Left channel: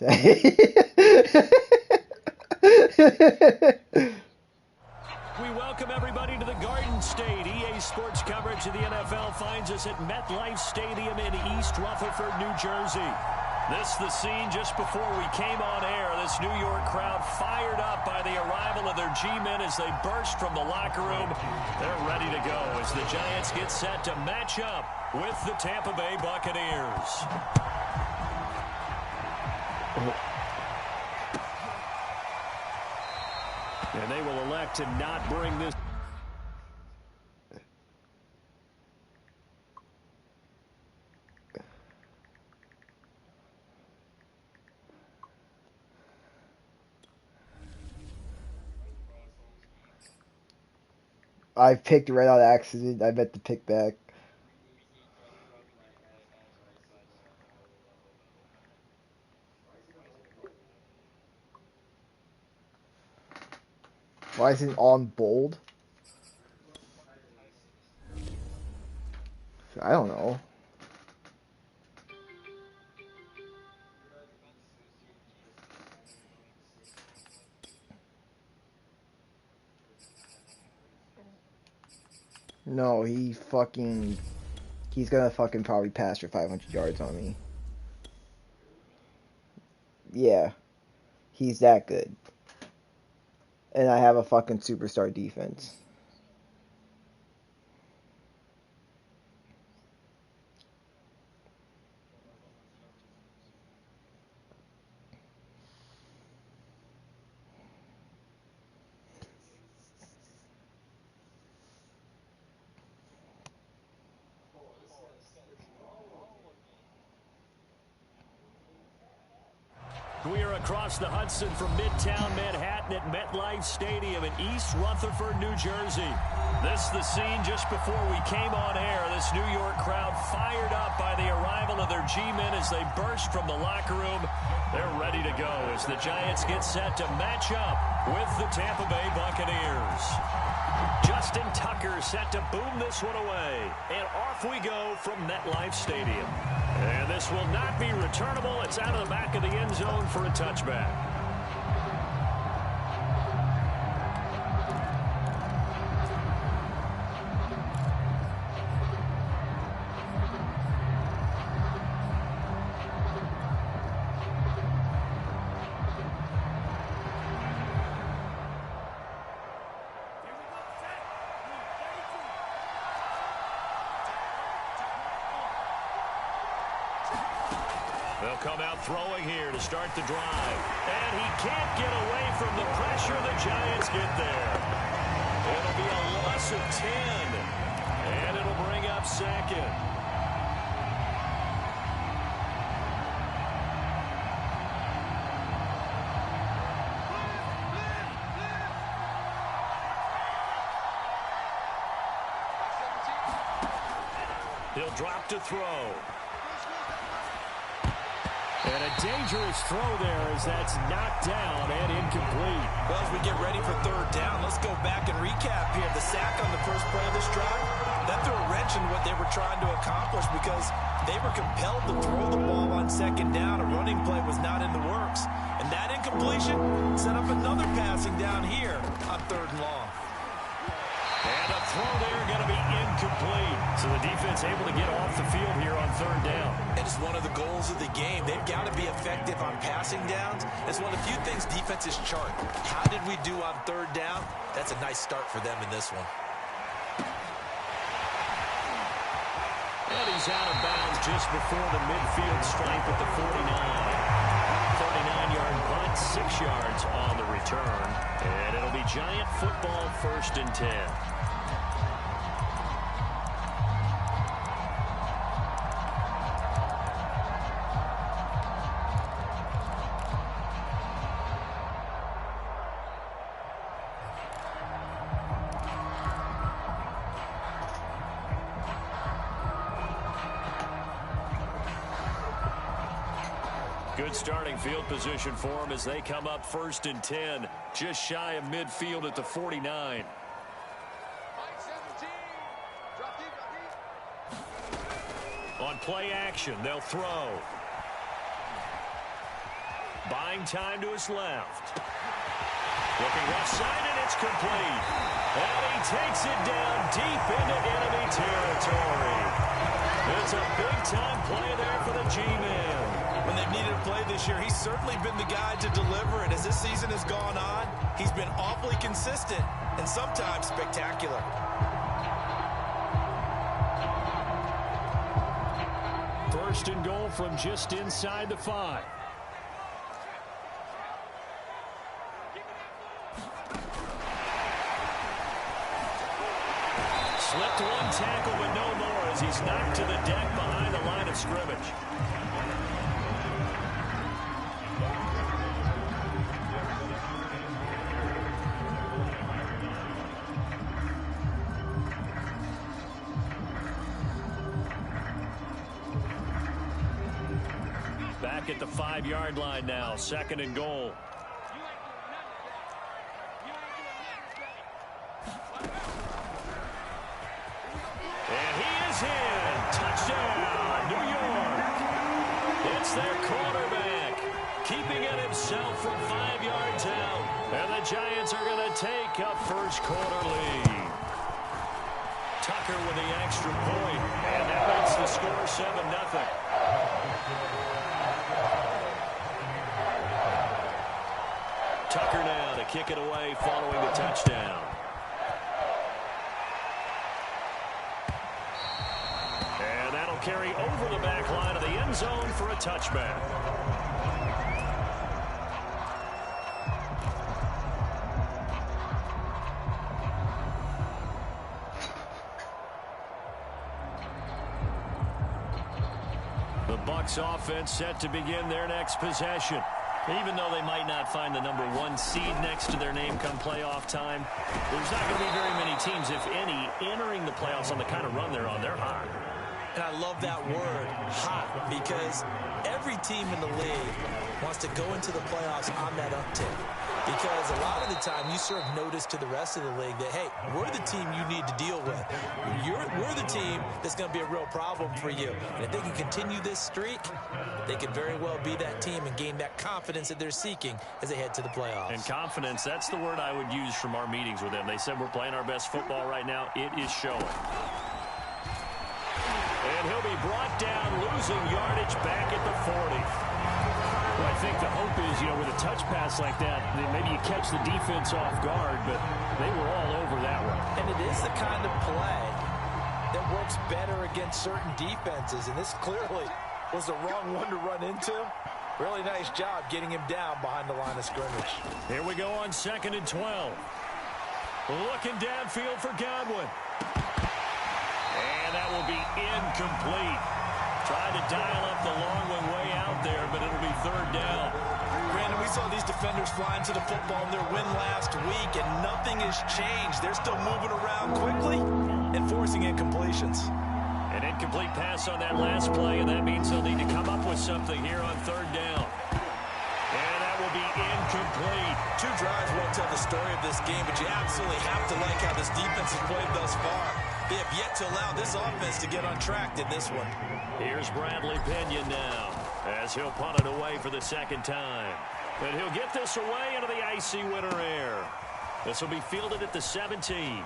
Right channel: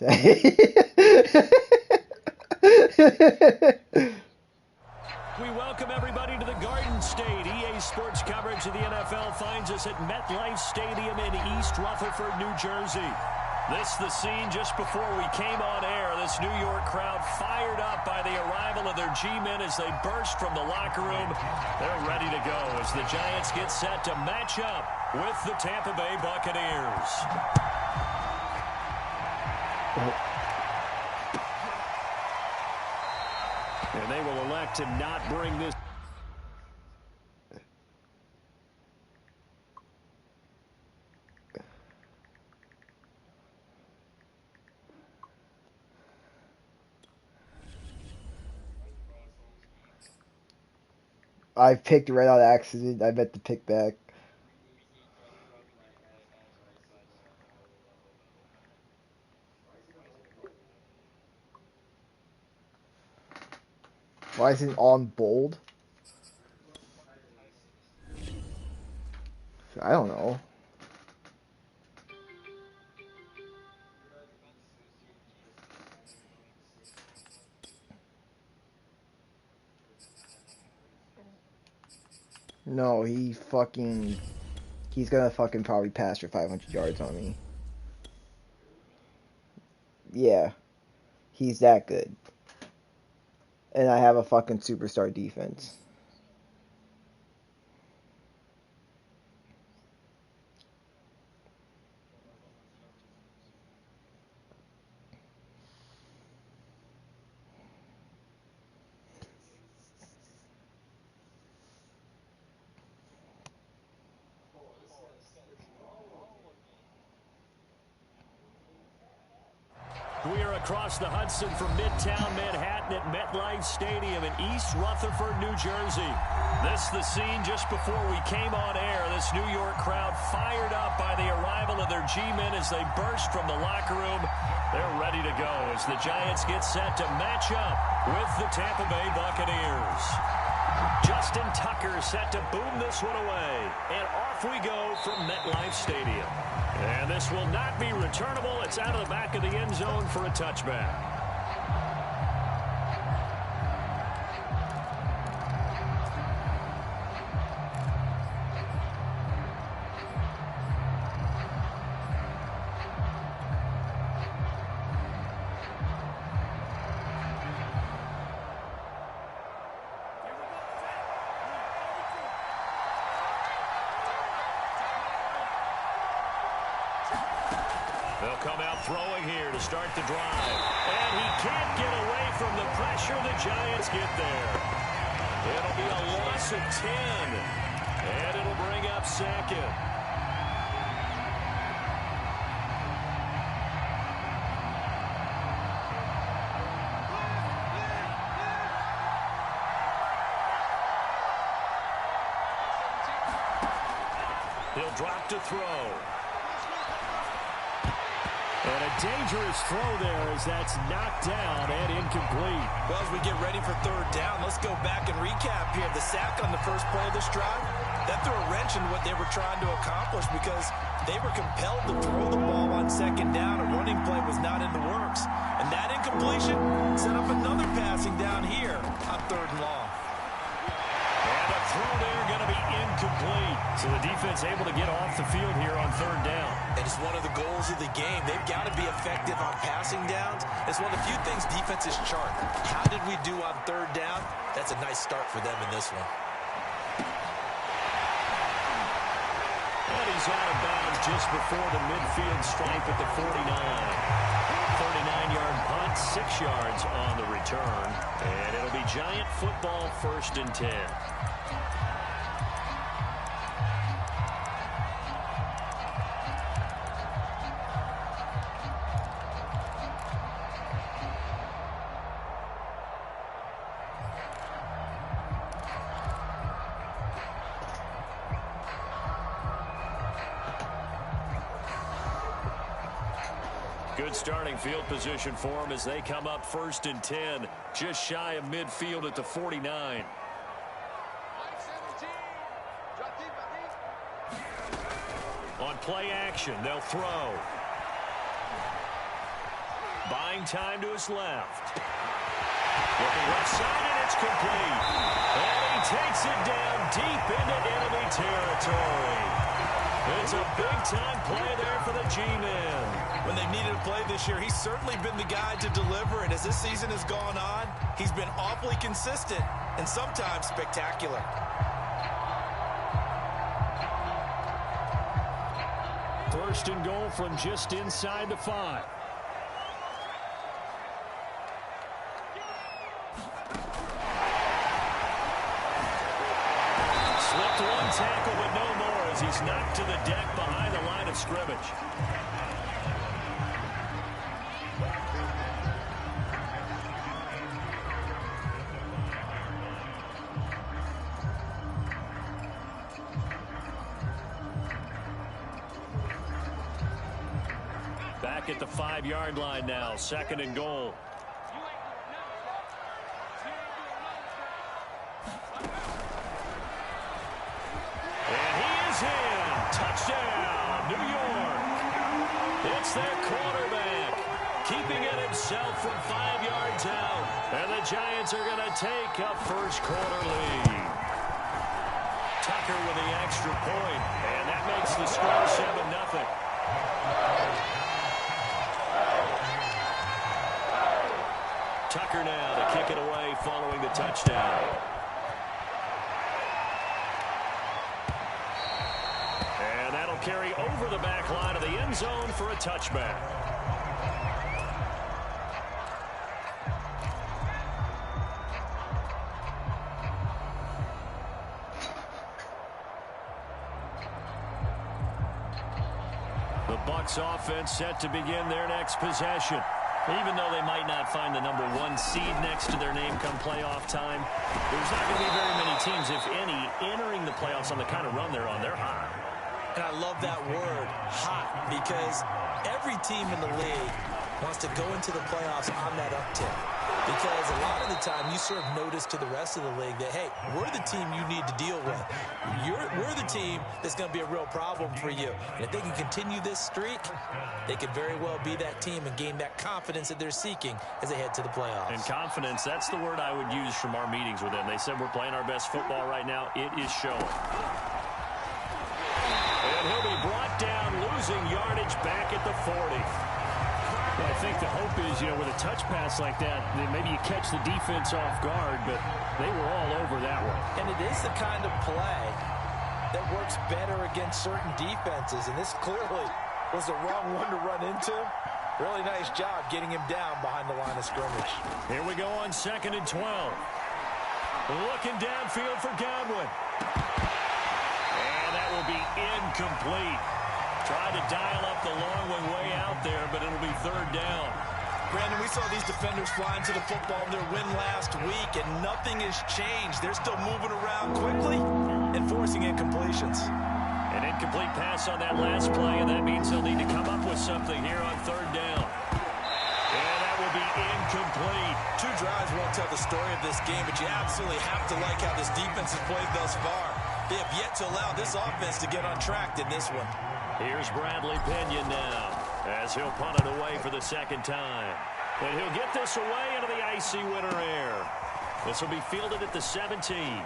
We welcome everybody to the Garden State. EA Sports coverage of the NFL finds us at MetLife Stadium in East Rutherford, New Jersey. This the scene just before we came on air. This New York crowd fired up by the arrival of their G-men as they burst from the locker room. They're ready to go as the Giants get set to match up with the Tampa Bay Buccaneers. And they will elect to not bring this. I picked right out of accident. I meant to pick back. Why is it on bold? I don't know. No, he's gonna fucking probably pass for 500 yards on me. Yeah, he's that good. And I have a fucking superstar defense. We are across the Hudson from Midtown Manhattan at MetLife Stadium in East Rutherford, New Jersey. This the scene just before we came on air. This New York crowd fired up by the arrival of their G-men as they burst from the locker room. They're ready to go as the Giants get set to match up with the Tampa Bay Buccaneers. Justin Tucker set to boom this one away. And off we go from MetLife Stadium. And this will not be returnable. It's out of the back of the end zone for a touchback. They'll come out throwing here to start the drive. And he can't get away from the pressure. The Giants get there. It'll be a loss of 10. And it'll bring up second. He'll drop to throw. And a dangerous throw there as that's knocked down and incomplete. Well, as we get ready for third down, let's go back and recap here. The sack on the first play of this drive, that threw a wrench in what they were trying to accomplish because they were compelled to throw the ball on second down. A running play was not in the works. And that incompletion set up another passing down here on third and long. And a throw there going to be incomplete. So the defense able to get off the field here on third down. And it's one of the goals of the game. They've got to be effective on passing downs. It's one of the few things defenses chart. How did we do on third down? That's a nice start for them in this one. And he's out of bounds just before the midfield stripe at the 49. 39-yard punt, 6 yards on the return. And it'll be Giant football, 1st and 10. Good starting field position for them as they come up 1st and 10, just shy of midfield at the 49. On play action, they'll throw. Buying time to his left. Looking left side, and it's complete. And he takes it down deep into enemy territory. It's a big-time play there for the G-Man. When they've needed a play this year, he's certainly been the guy to deliver. And as this season has gone on, he's been awfully consistent and sometimes spectacular. First and goal from just inside the 5. Slipped one tackle, but no more as he's knocked to the deck behind the line of scrimmage. Back at the 5-yard line now, second and goal. And he is in. Touchdown, New York. It's their quarterback, keeping it himself from 5 yards out. And the Giants are going to take a first-quarter lead. Tucker with the extra point, and that makes the score 7-0. Tucker now to kick it away following the touchdown. And that'll carry over the back line of the end zone for a touchback. The Bucs offense set to begin their next possession. Even though they might not find the #1 seed next to their name come playoff time, there's not going to be very many teams, if any, entering the playoffs on the kind of run they're on. They're hot. And I love that word, hot, because every team in the league wants to go into the playoffs on that uptick. Because a lot of the time you serve notice to the rest of the league that, hey, we're the team you need to deal with. We're the team that's going to be a real problem for you. And if they can continue this streak, they could very well be that team and gain that confidence that they're seeking as they head to the playoffs. And confidence, that's the word I would use from our meetings with them. They said we're playing our best football right now. It is showing. And he'll be brought down, losing yardage back at the 40. Well, I think the hope is, with a touch pass like that, then maybe you catch the defense off guard, but they were all over that one. And it is the kind of play that works better against certain defenses, and this clearly was the wrong one to run into. Really nice job getting him down behind the line of scrimmage. Here we go on 2nd and 12. Looking downfield for Godwin. And that will be incomplete. Tried to dial up the long one way out there, but it'll be 3rd down. Brandon, we saw these defenders flying to the football in their win last week, and nothing has changed. They're still moving around quickly and forcing incompletions. An incomplete pass on that last play, and that means they'll need to come up with something here on 3rd down. And that will be incomplete. 2 drives won't tell the story of this game, but you absolutely have to like how this defense has played thus far. They have yet to allow this offense to get on track in this one. Here's Bradley Pinion now as he'll punt it away for the 2nd time. And he'll get this away into the icy winter air. This will be fielded at the 17. And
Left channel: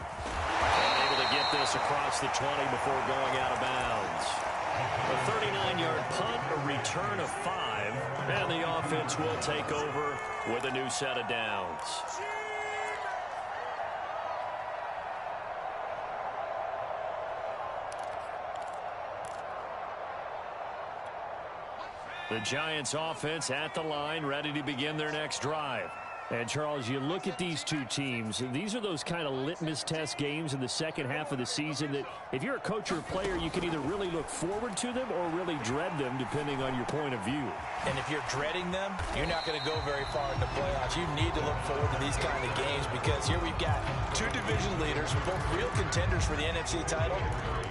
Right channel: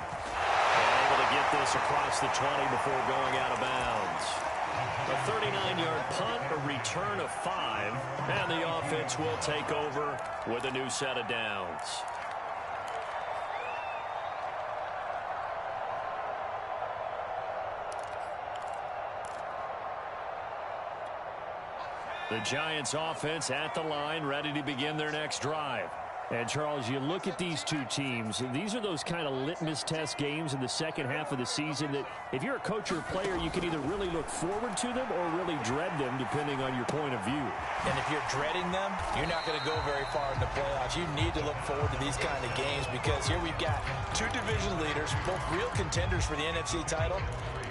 able to get this across the 20 before going out of bounds. A 39-yard punt, a return of 5, and the offense will take over with a new set of downs. The Giants offense at the line, ready to begin their next drive. And, Charles, you look at these two teams, these are those kind of litmus test games in the second half of the season that if you're a coach or a player, you can either really look forward to them or really dread them, depending on your point of view. And if you're dreading them, you're not going to go very far in the playoffs. You need to look forward to these kind of games because here we've got 2 division leaders, both real contenders for the NFC title.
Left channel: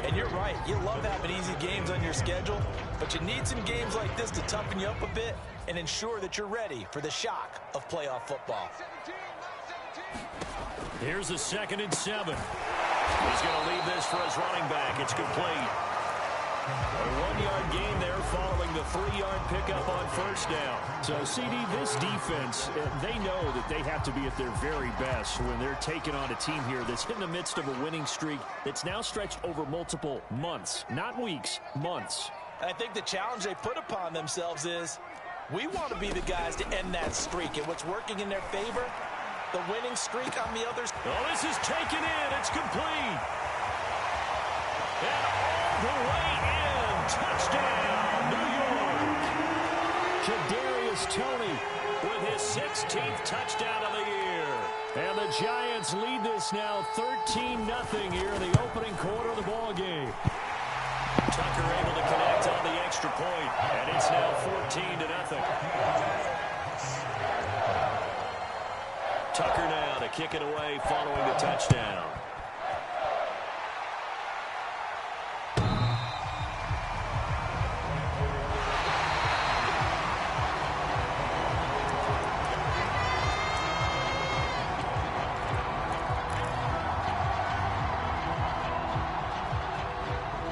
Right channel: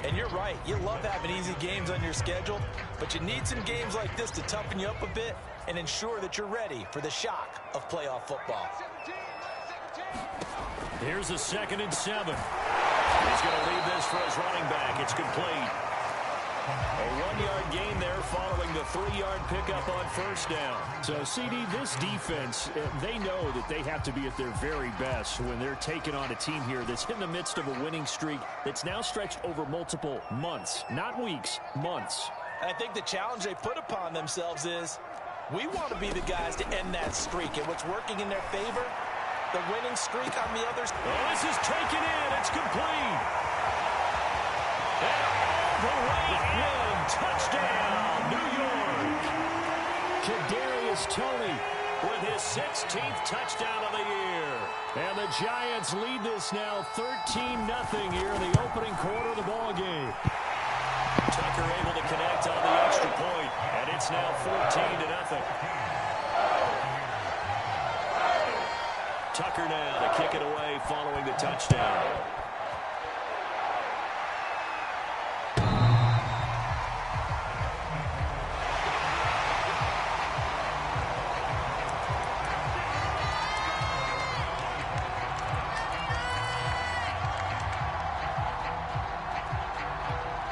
And you're right, you love having easy games on your schedule, but you need some games like this to toughen you up a bit and ensure that you're ready for the shock of playoff football. Here's the 2nd and 7. He's going to leave this for his running back. It's complete. A 1-yard gain there following the 3-yard pickup on first down. So, CD, this defense, they know that they have to be at their very best when they're taking on a team here that's in the midst of a winning streak that's now stretched over multiple months, not weeks, months. I think the challenge they put upon themselves is we want to be the guys to end that streak. And what's working in their favor, the winning streak on the others. Oh, this is taken in. It's complete. And all the way in. Touchdown, New York. Kadarius Toney with his 16th touchdown of the year. And the Giants lead this now 13-0 here in the opening quarter of the ball game. Tucker able to connect on the extra point, and it's now 14-0. Tucker now to kick it away following the touchdown.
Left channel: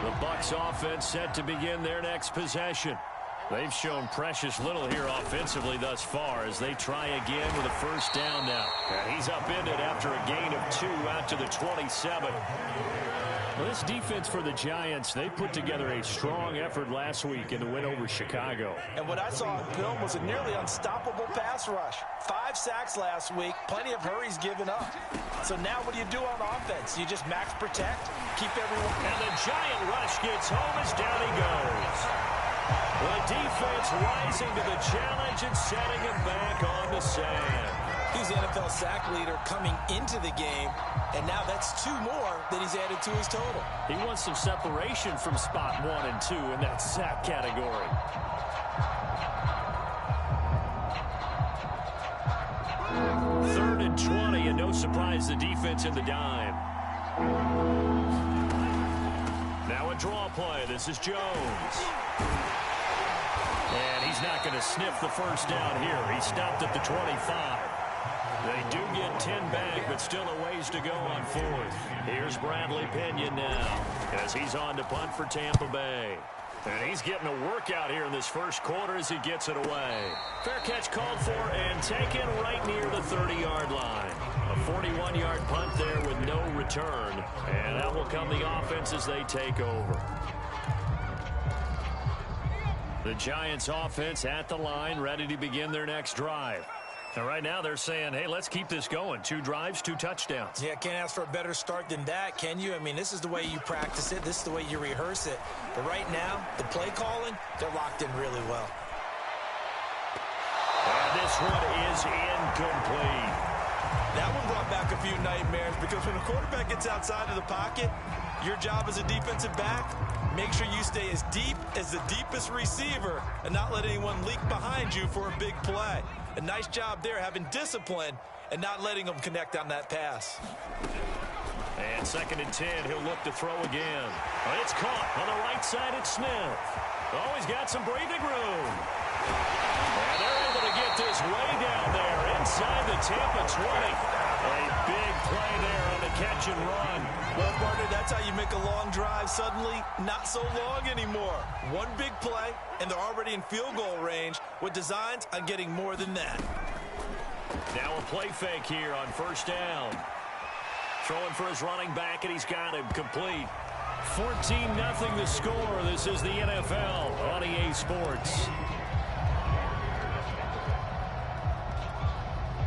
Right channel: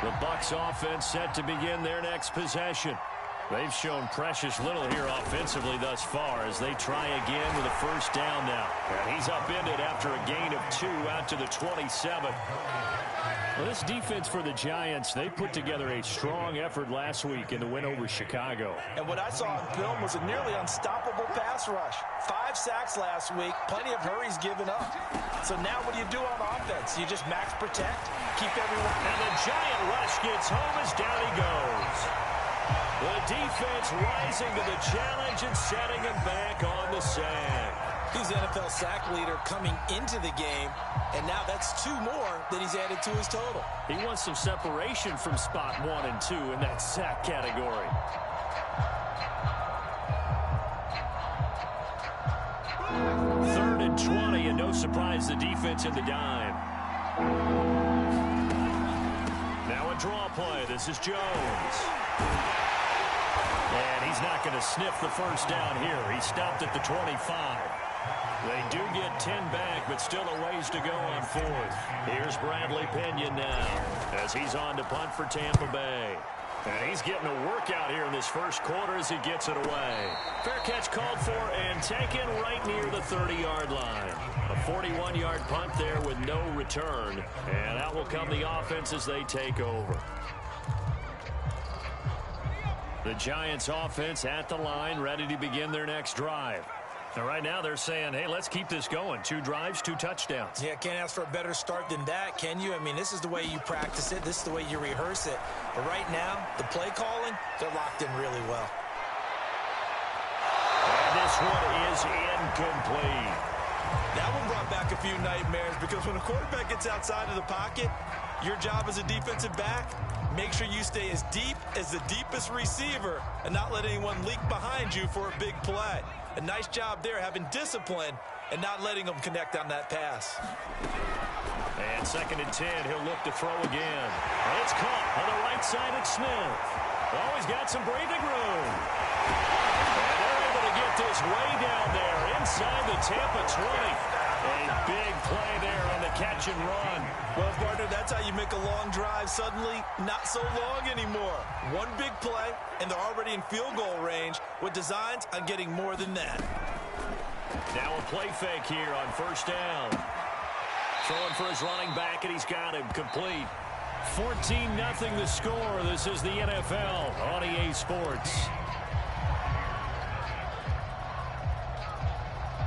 The Bucs offense set to begin their next possession. They've shown precious little here offensively thus far as they try again with a first down now. And he's upended after a gain of 2 out to the 27. Well, this defense for the Giants, they put together a strong effort last week in the win over Chicago. And what I saw on film was a nearly unstoppable pass rush. 5 sacks last week, plenty of hurries given up. So now what do you do on offense? You just max protect, keep everyone. And the Giant rush gets home as down he goes. The defense rising to the challenge and setting him back on the sand. He's the NFL sack leader coming into the game, and now that's 2 more that he's added to his total. He wants some separation from spot 1 and 2 in that sack category. Third and 20, and no surprise the defense in the dime. Now a draw play. This is Jones. And he's not going to sniff the first down here. He stopped at the 25. They do get 10 back, but still a ways to go on 4th. Here's Bradley Pinion now as he's on to punt for Tampa Bay. And he's getting a workout here in this first quarter as he gets it away. Fair catch called for and taken right near the 30-yard line. A 41-yard punt there with no return. And out will come the offense as they take over. The Giants offense at the line, ready to begin their next drive. And right now they're saying, hey, let's keep this going. 2 drives, 2 touchdowns. Yeah, can't ask for a better start than that, can you? I mean, this is the way you practice it. This is the way you rehearse it. But right now, the play calling, they're locked in really well. And this one is incomplete. That one brought back a few nightmares because when a quarterback gets outside of the pocket, your job as a defensive back, make sure you stay as deep as the deepest receiver and not let anyone leak behind you for a big play. A nice job there having discipline and not letting them connect on that pass. And 2nd and 10, he'll look to throw again. It's caught on the right side at Smith. Oh, he's got some breathing room. And they're able to get this way down there inside the Tampa 20. A big play there on the catch and run. Well, partner, that's how you make a long drive suddenly not so long anymore. One big play, and they're already in field goal range with designs on getting more than that. Now a play fake here on first down. Throwing for his running back, and he's got him complete. 14-0 the score. This is the NFL on EA Sports.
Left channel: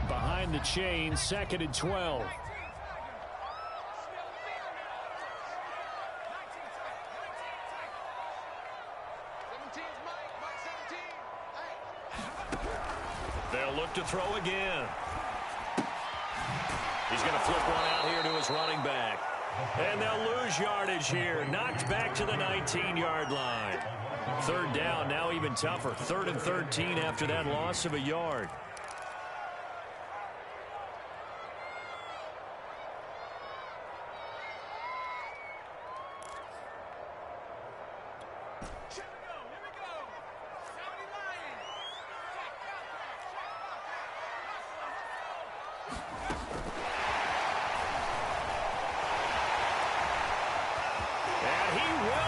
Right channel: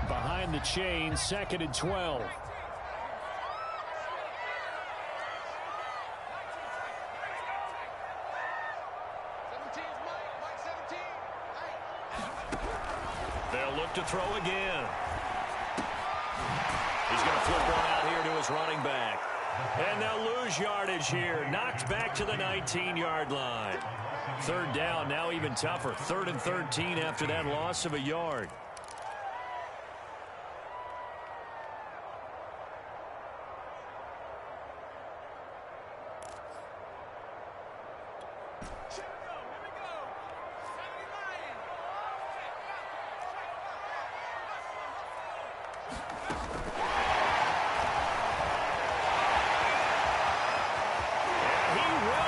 Behind the chain, 2nd and 12. They'll look to throw again. He's going to flip one out here to his running back. And they'll lose yardage here. Knocked back to the 19-yard line. 3rd down, now even tougher. 3rd and 13 after that loss of a yard.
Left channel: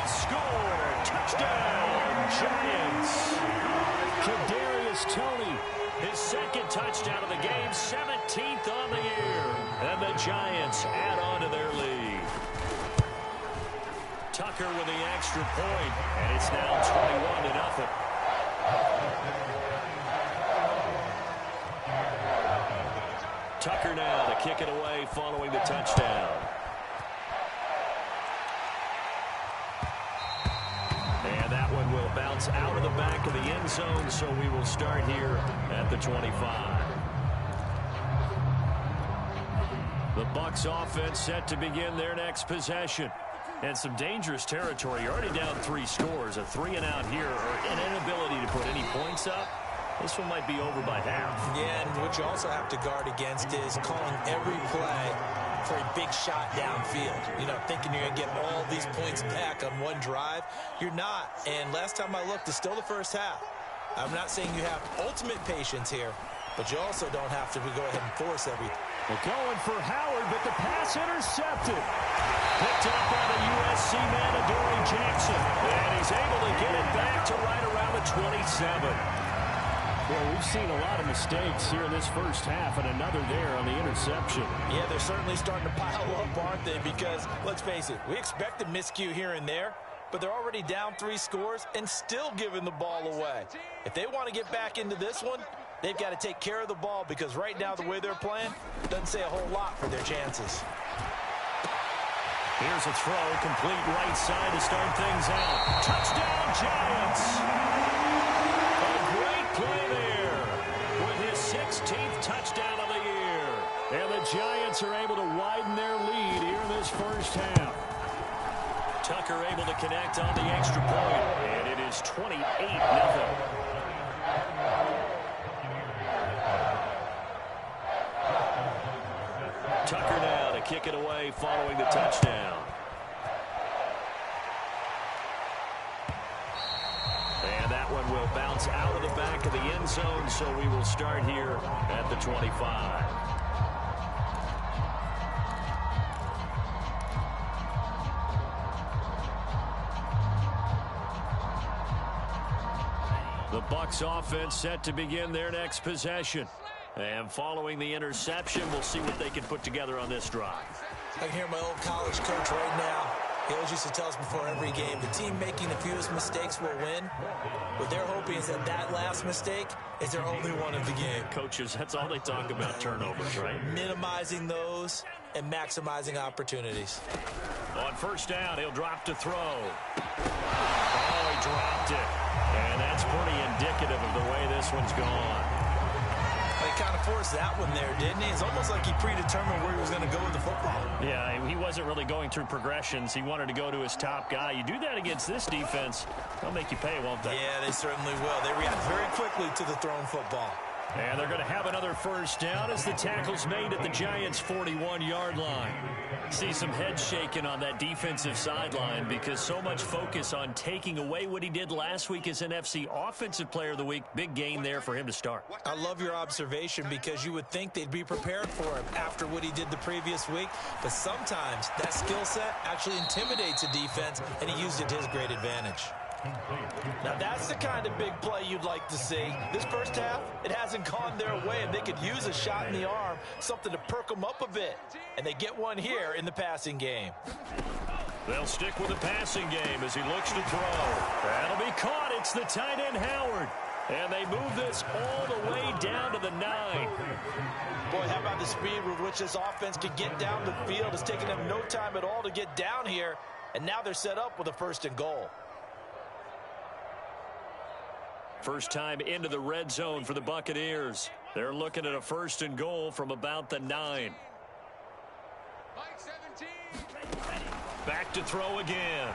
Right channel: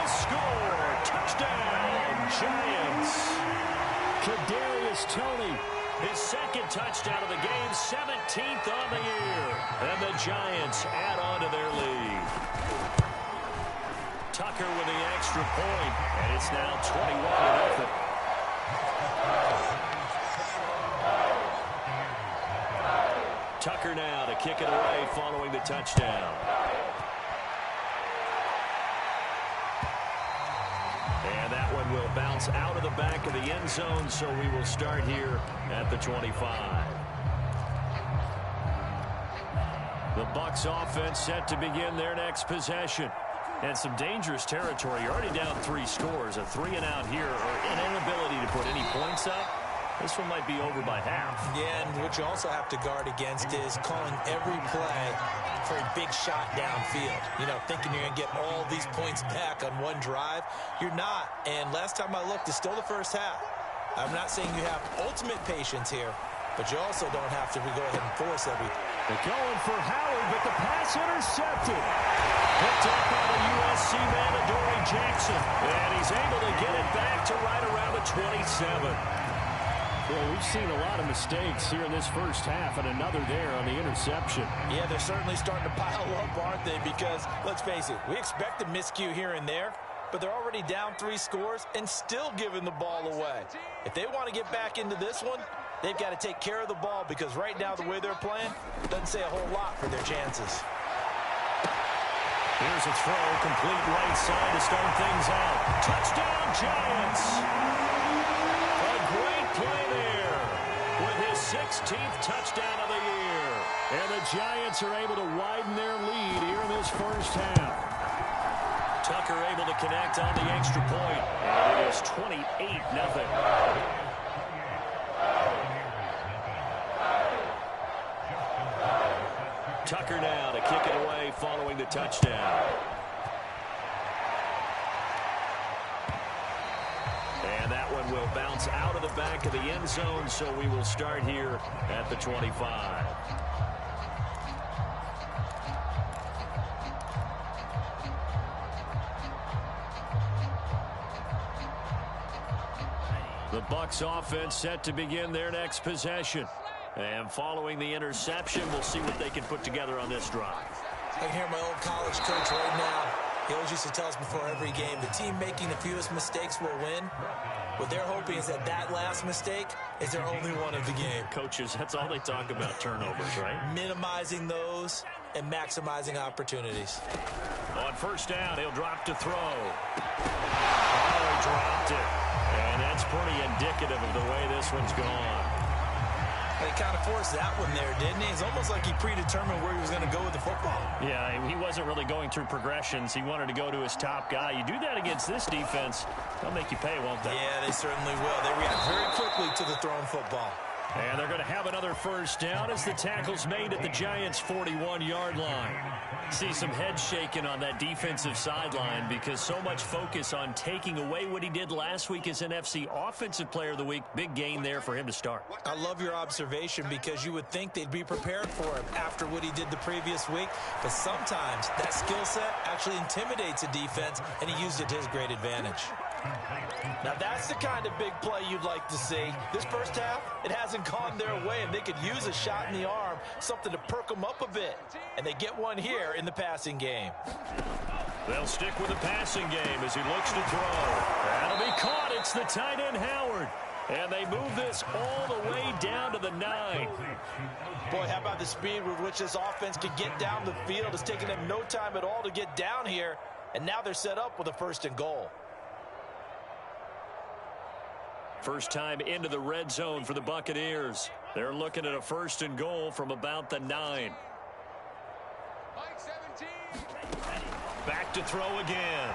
Score! Touchdown, Giants. Kadarius Toney, his second touchdown of the game, 17th on the year. And the Giants add on to their lead. Tucker with the extra point, and it's now 21-0. Tucker now to kick it away following the touchdown. And that one will bounce out of the back of the end zone, so we will start here at the 25. The Bucs offense set to begin their next possession. And some dangerous territory. You're already down 3 scores. A 3-and-out here, or an inability to put any points up. This one might be over by half. Yeah, and what you also have to guard against is calling every play for a big shot downfield. You know, thinking you're going to get all these points back on one drive. You're not. And last time I looked, it's still the first half. I'm not saying you have ultimate patience here, but you also don't have to go ahead and force everything. They're going for Howard, but the pass intercepted. Picked up by the USC man, Adoree Jackson. And he's able to get it back to right around the 27. Well, we've seen a lot of mistakes here in this first half, and another there on the interception. Yeah, they're certainly starting to pile up, aren't they? Because, let's face it, we expect a miscue here and there, but they're already down 3 scores and still giving the ball away. If they want to get back into this one, they've got to take care of the ball, because right now the way they're playing doesn't say a whole lot for their chances. Here's a throw, complete right side to start things out. Touchdown, Giants! A great play there with his 16th touchdown of the year. And the Giants are able to widen their lead here in this first half. Tucker able to connect on the extra point, and it is 28-0. Tucker now to kick it away following the touchdown. And that one will bounce out of the back of the end zone, so we will start here at the 25. The Bucs offense set to begin their next possession. And following the interception, we'll see what they can put together on this drive. I can hear my old college coach right now. He always used to tell us before every game, the team making the fewest mistakes will win. What they're hoping is that that last mistake is their only one of the game. Coaches, that's all they talk about, turnovers, right? Minimizing those and maximizing opportunities. On first down, he'll drop to throw. Oh, he dropped it. And that's pretty indicative of the way this one's gone. He kind of forced that one there, didn't he? It's almost like he predetermined where he was going to go with the football. Yeah, he wasn't really going through progressions. He wanted to go to his top guy. You do that against this defense, they'll make you pay, won't they? Yeah, they certainly will. They react very quickly to the thrown football. And they're going to have another first down as the tackle's made at the Giants' 41-yard line. See some head shaking on that defensive sideline because so much focus on taking away what he did last week as NFC Offensive Player of the Week. Big gain there for him to start. I love your observation because you would think they'd be prepared for him after what he did the previous week. But sometimes that skill set actually intimidates a defense, and he used it to his great advantage. Now that's the kind of big play you'd like to see. This first half, it hasn't gone their way, and they could use a shot in the arm, something to perk them up a bit. And they get one here in the passing game. They'll stick with the passing game as he looks to throw. That'll be caught. It's the tight end, Howard. And they move this all the way down to the 9. Boy, how about the speed with which this offense can get down the field? It's taken them no time at all to get down here, and now they're set up with a 1st and goal. First time into the red zone for the Buccaneers. They're looking at a 1st and goal from about the 9. Back to throw again.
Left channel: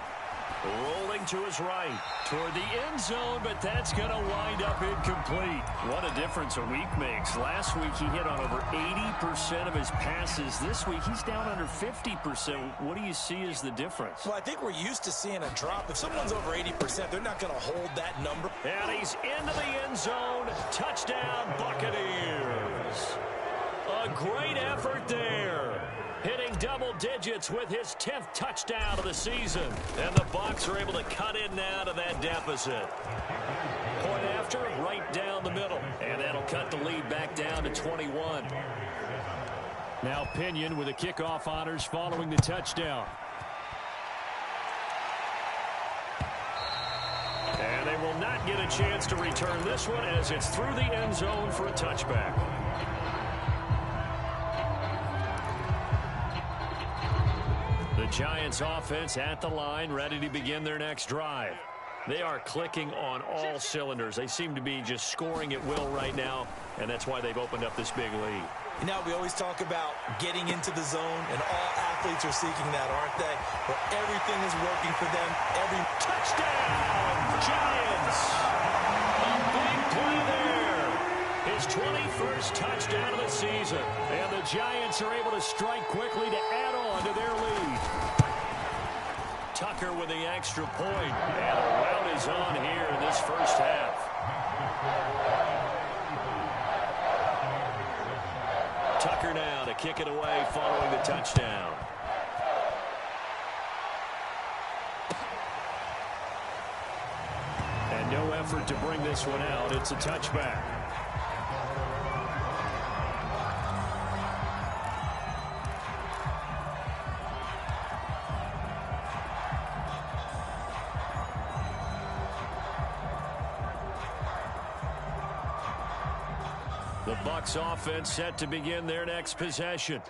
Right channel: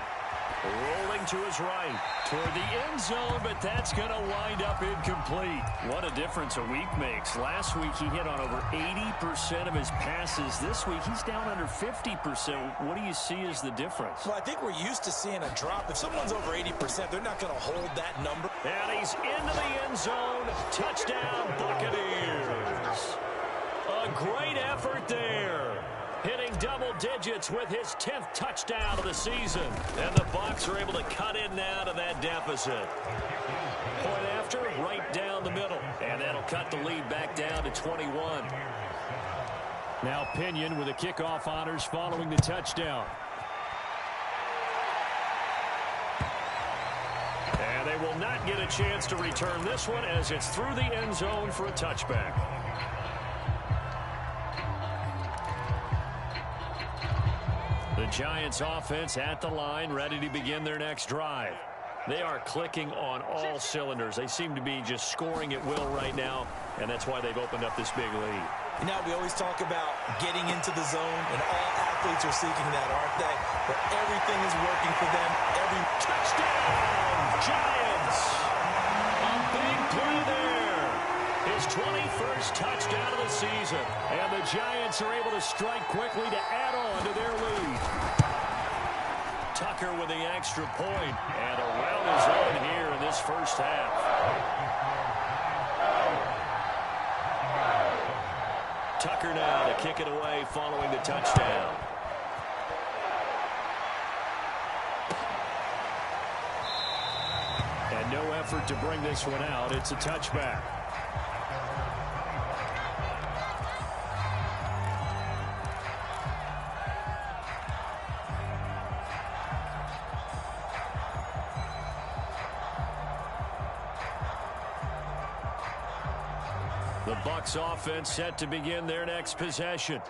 Rolling to his right toward the end zone, but that's going to wind up incomplete. What a difference a week makes. Last week he hit on over 80% of his passes. This week he's down under 50%. What do you see as the difference? Well, I think we're used to seeing a drop. If someone's over 80%, they're not going to hold that number. And he's into the end zone. Touchdown, Buccaneers. A great effort there. hitting double digits with his 10th touchdown of the season. And the Bucs are able to cut in now to that deficit. Point after, right down the middle. And that'll cut the lead back down to 21. Now Pinion with the kickoff honors following the touchdown. And they will not get a chance to return this one as it's through the end zone for a touchback. The Giants offense at the line, ready to begin their next drive. They are clicking on all cylinders. They seem to be just scoring at will right now, and that's why they've opened up this big lead. You know, we always talk about getting into the zone, and all athletes are seeking that, aren't they? Where everything is working for them. Every touchdown, Giants! A big play there. His 21st touchdown of the season. And the Giants are able to strike quickly to add on to their lead. Tucker with the extra point. And a rout is on here in this first half. Tucker now to kick it away following the touchdown. And no effort to bring this one out. It's a touchback. The Bucs offense set to begin their next possession.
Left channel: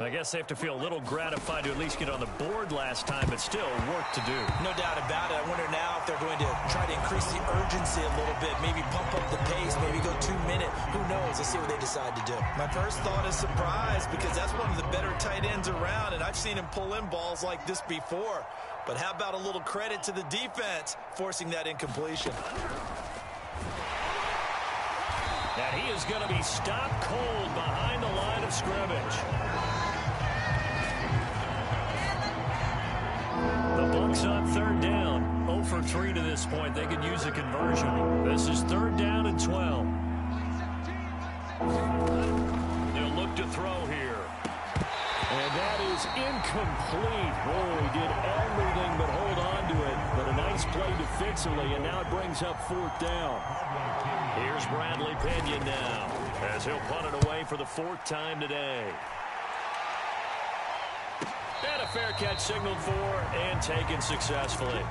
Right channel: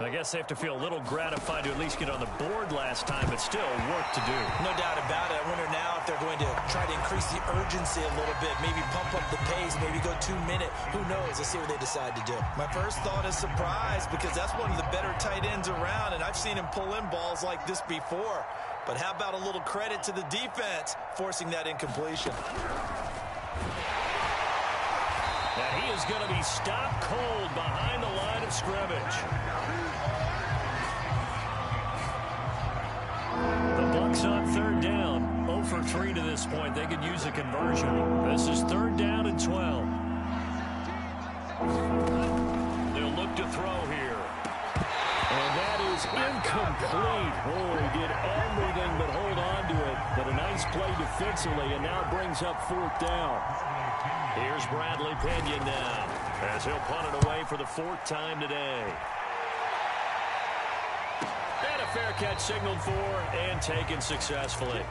I guess they have to feel a little gratified to at least get on the board last time, but still work to do. No doubt about it. I wonder now if they're going to try to increase the urgency a little bit, maybe pump up the pace, maybe go 2 minute. Who knows? Let's see what they decide to do. My first thought is surprise, because that's one of the better tight ends around, and I've seen him pull in balls like this before. But how about a little credit to the defense forcing that incompletion? And he is going to be stopped cold behind the line of scrimmage. The Bucs on third down. 0 for 3 to this point. They could use a conversion. This is 3rd down and 12. They'll look to throw here. And that is incomplete. Oh, he did everything but hold on to it. But a nice play defensively, and now it brings up 4th down. Here's Bradley Pinion now, as he'll punt it away for the 4th time today. And a fair catch signaled for and taken successfully.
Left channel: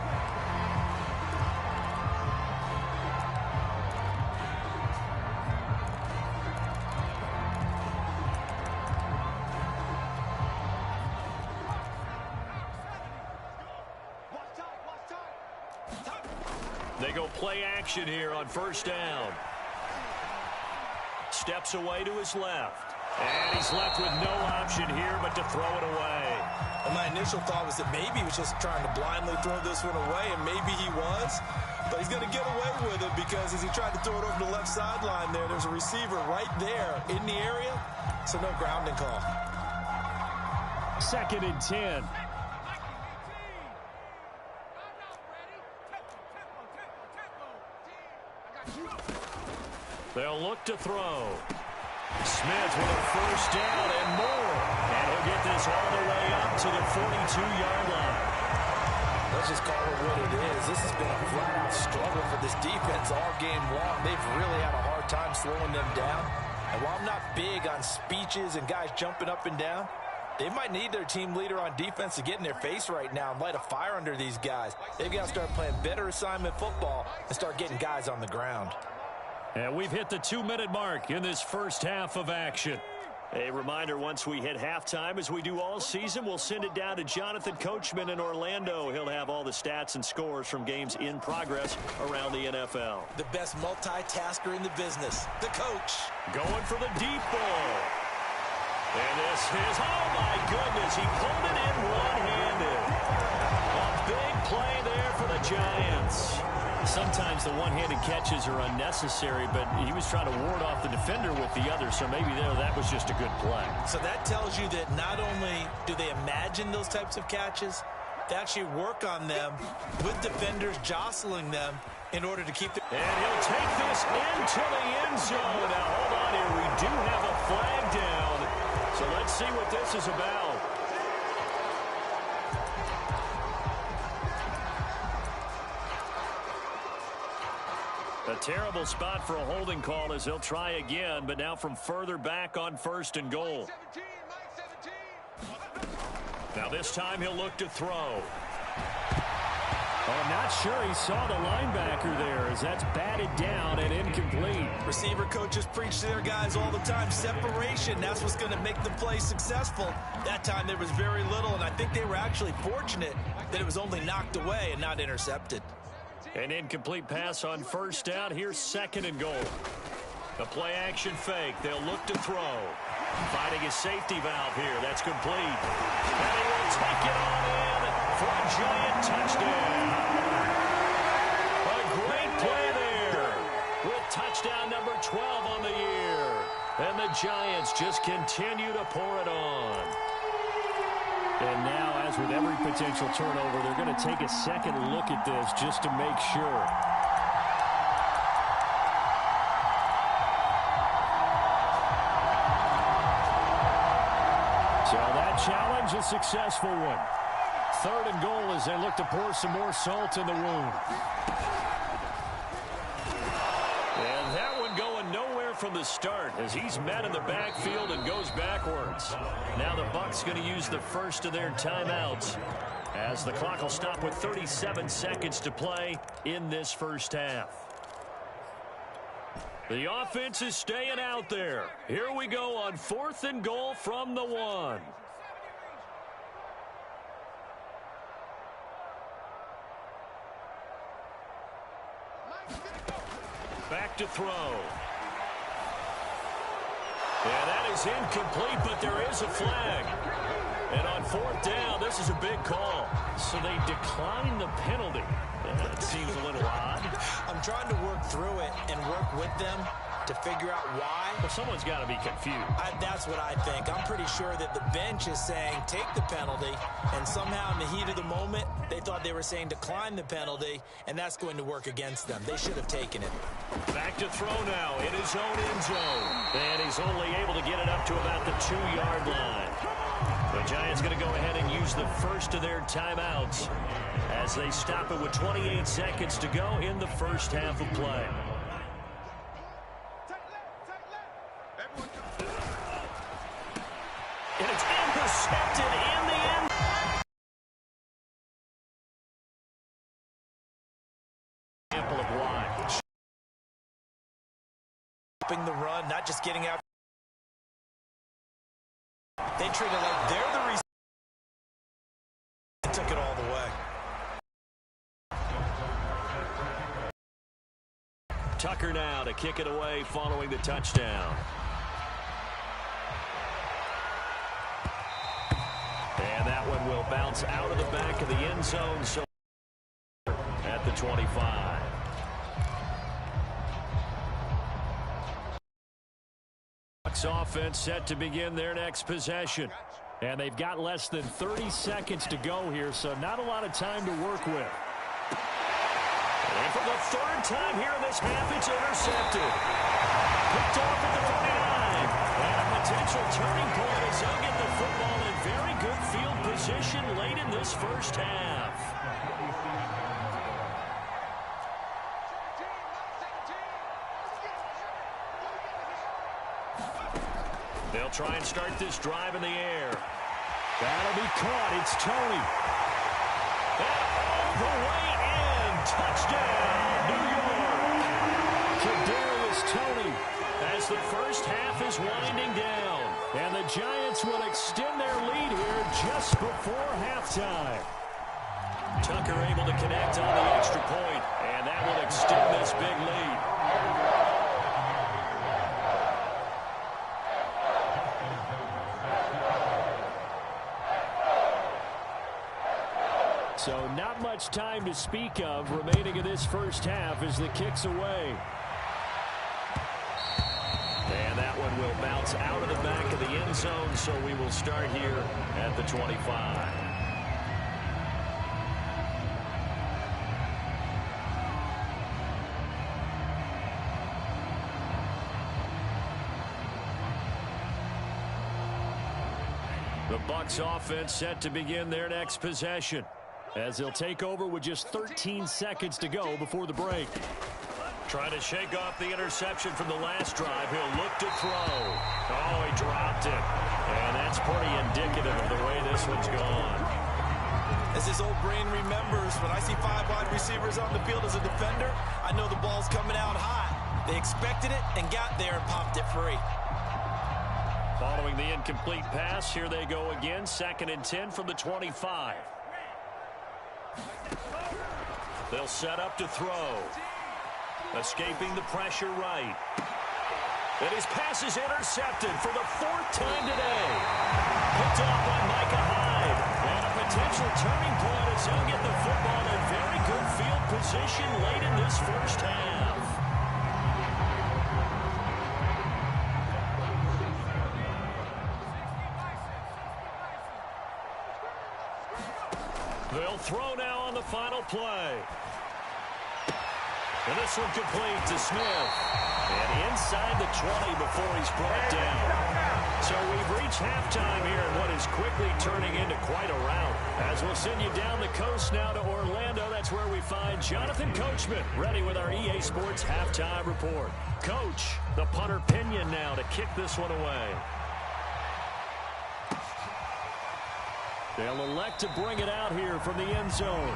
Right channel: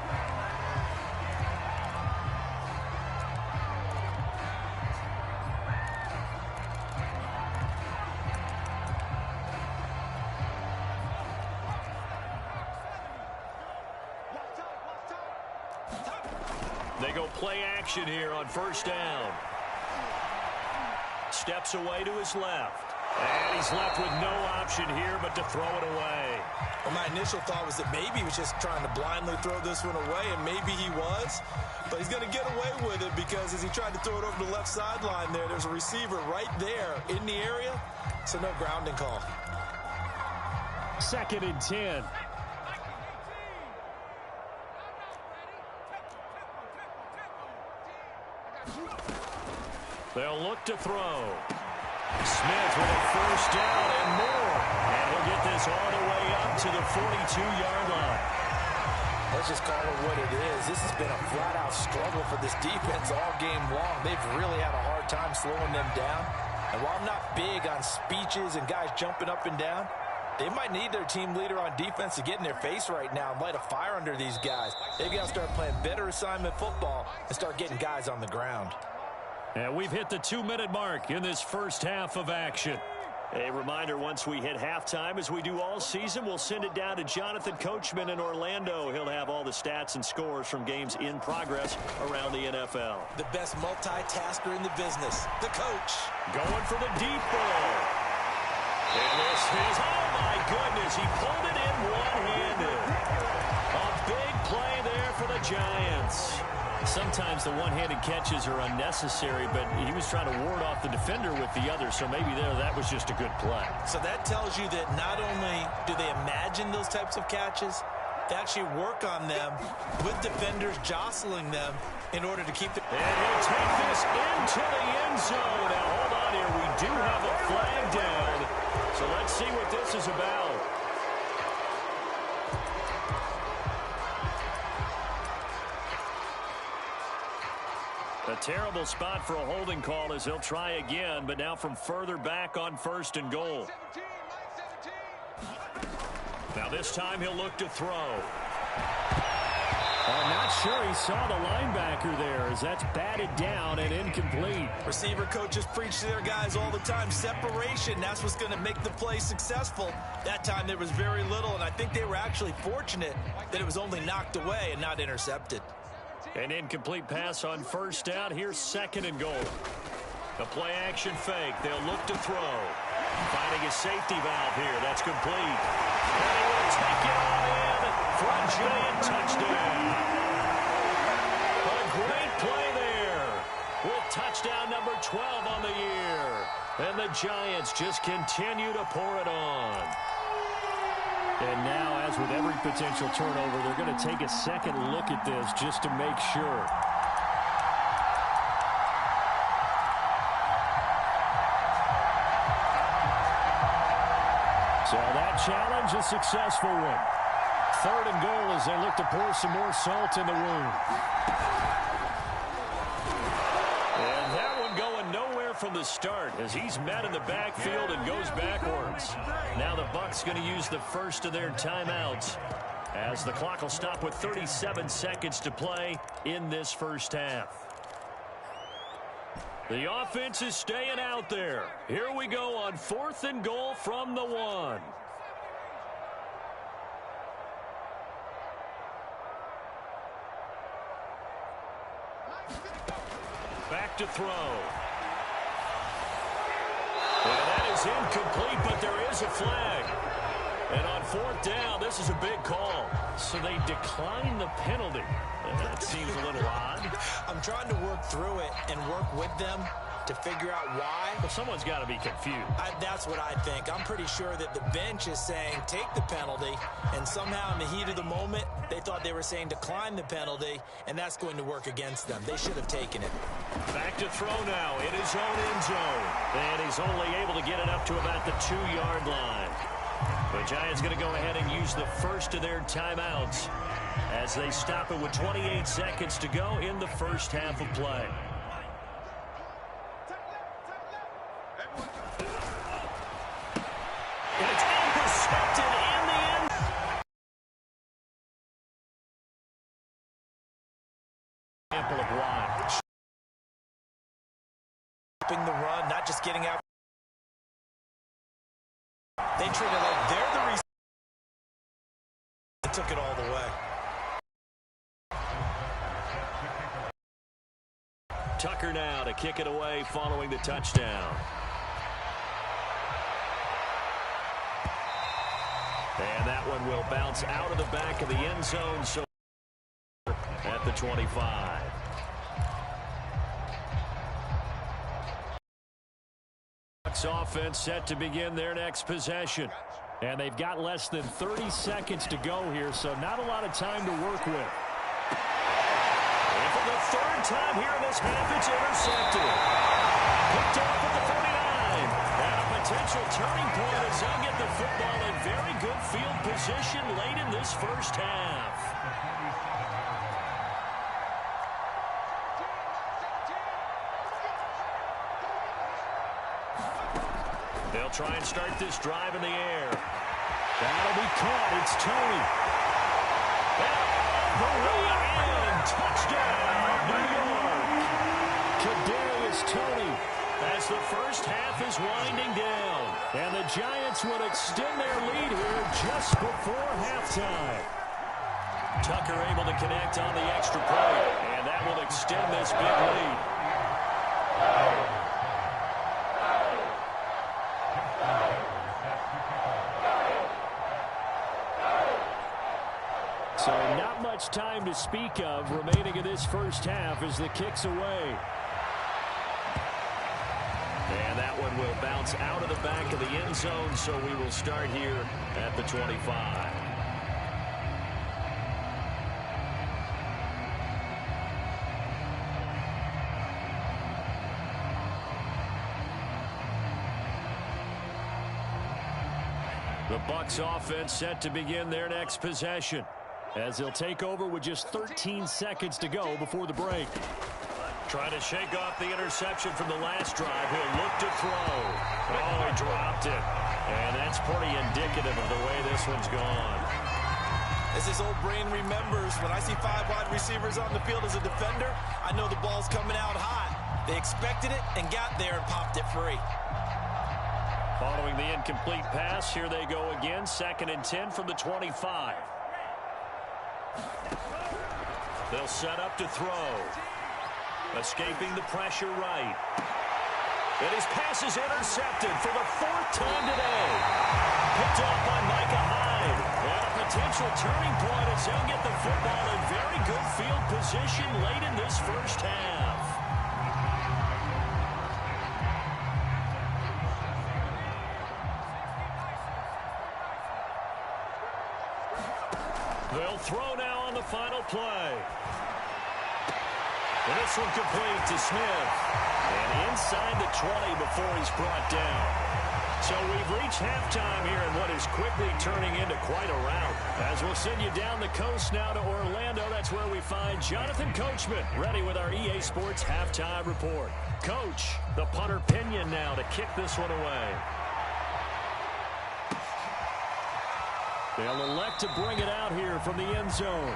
They go play action here on 1st down. Steps away to his left. And he's left with no option here but to throw it away. Well, my initial thought was that maybe he was just trying to blindly throw this one away, and maybe he was. But he's going to get away with it because as he tried to throw it over the left sideline there's a receiver right there in the area, so no grounding call. 2nd and 10. They'll look to throw. Smith with a 1st down and more. And he'll get this all the way up to the 42-yard line. Let's just call it what it is. This has been a flat-out struggle for this defense all game long. They've really had a hard time slowing them down. And while I'm not big on speeches and guys jumping up and down, they might need their team leader on defense to get in their face right now and light a fire under these guys. They've got to start playing better assignment football and start getting guys on the ground. And we've hit the 2-minute mark in this first half of action. A reminder, once we hit halftime, as we do all season, we'll send it down to Jonathan Coachman in Orlando. He'll have all the stats and scores from games in progress around the NFL. The best multitasker in the business, the coach. Going for the deep ball. And this is, oh my goodness, he pulled it in one-handed. A big play there for the Giants. Sometimes the one-handed catches are unnecessary, but he was trying to ward off the defender with the other, so maybe that was just a good play. So that tells you that not only do they imagine those types of catches, they actually work on them with defenders jostling them in order to keep them. And he'll take this into the end zone. Now, hold on here. We do have a flag down, so let's see what this is about. terrible spot for a holding call as he'll try again, but now from further back on 1st and goal. Now this time he'll look to throw. Oh, I'm not sure he saw the linebacker there as that's batted down and incomplete. Receiver coaches preach to their guys all the time. Separation, that's what's going to make the play successful. That time there was very little, and I think they were actually fortunate that it was only knocked away and not intercepted. An incomplete pass on 1st down. Here's 2nd and goal. The play action fake. They'll look to throw. Finding his safety valve here. That's complete. And he will take it on in for a giant touchdown. A great play there with touchdown number 12 on the year. And the Giants just continue to pour it on. And now, as with every potential turnover, they're going to take a second look at this just to make sure. So that challenge, a successful one. 3rd and goal as they look to pour some more salt in the wound. And that one going nowhere from the start as he's met in the backfield and goes backwards. Now the Bucs going to use the first of their timeouts as the clock will stop with 37 seconds to play in this first half. The offense is staying out there. Here we go on 4th and goal from the 1. Back to throw. And that is incomplete, but there is a flag. And on 4th down, this is a big call. So they decline the penalty. That seems a little odd. I'm trying to work through it and work with them to figure out why. Well, someone's got to be confused. That's what I think. I'm pretty sure that the bench is saying take the penalty, and somehow in the heat of the moment, they thought they were saying decline the penalty, and that's going to work against them. They should have taken it. Back to throw now in his own end zone. And he's only able to get it up to about the 2-yard line. The Giants going to go ahead and use the first of their timeouts as they stop it with 28 seconds to go in the first half of play. And it's intercepted in the end. Example of why. Stopping the run, not just getting out. They treat it like they're the reason they took it all the way. Tucker now to kick it away following the touchdown. And that one will bounce out of the back of the end zone. So at the 25. Bucs offense set to begin their next possession. And they've got less than 30 seconds to go here, so not a lot of time to work with. And for the 3rd time here in this half, it's intercepted. Picked off at the 49. And a potential turning point as they'll get the football in very good field position late in this first half. They'll try and start this drive in the air. That'll be caught. It's Tony. And all the way in. Touchdown, New York. Kadarius Toney. As the first half is winding down. And the Giants will extend their lead here just before halftime. Tucker able to connect on the extra point, and that will extend this big lead. So not much time to speak of remaining in this first half as the kick's away. And that one will bounce out of the back of the end zone, so we will start here at the 25. The Bucs offense set to begin their next possession as they'll take over with just 13 seconds to go before the break. Trying to shake off the interception from the last drive. He'll look to throw. Oh, he dropped it. And that's pretty indicative of the way this one's gone. As his old brain remembers, when I see 5 wide receivers on the field as a defender, I know the ball's coming out hot. They expected it and got there and popped it free. Following the incomplete pass, here they go again. 2nd and 10 from the 25. They'll set up to throw. Escaping the pressure right. And his pass is intercepted for the 4th time today. Picked off by Micah Hyde. And a potential turning point as he'll get the football in very good field position late in this first half. They'll throw now on the final play. And this one complete to Smith. And inside the 20 before he's brought down. So we've reached halftime here in what is quickly turning into quite a rout. As we'll send you down the coast now to Orlando. That's where we find Jonathan Coachman ready with our EA Sports halftime report. Coach, the punter Pinion now to kick this one away. They'll elect to bring it out here from the end zone.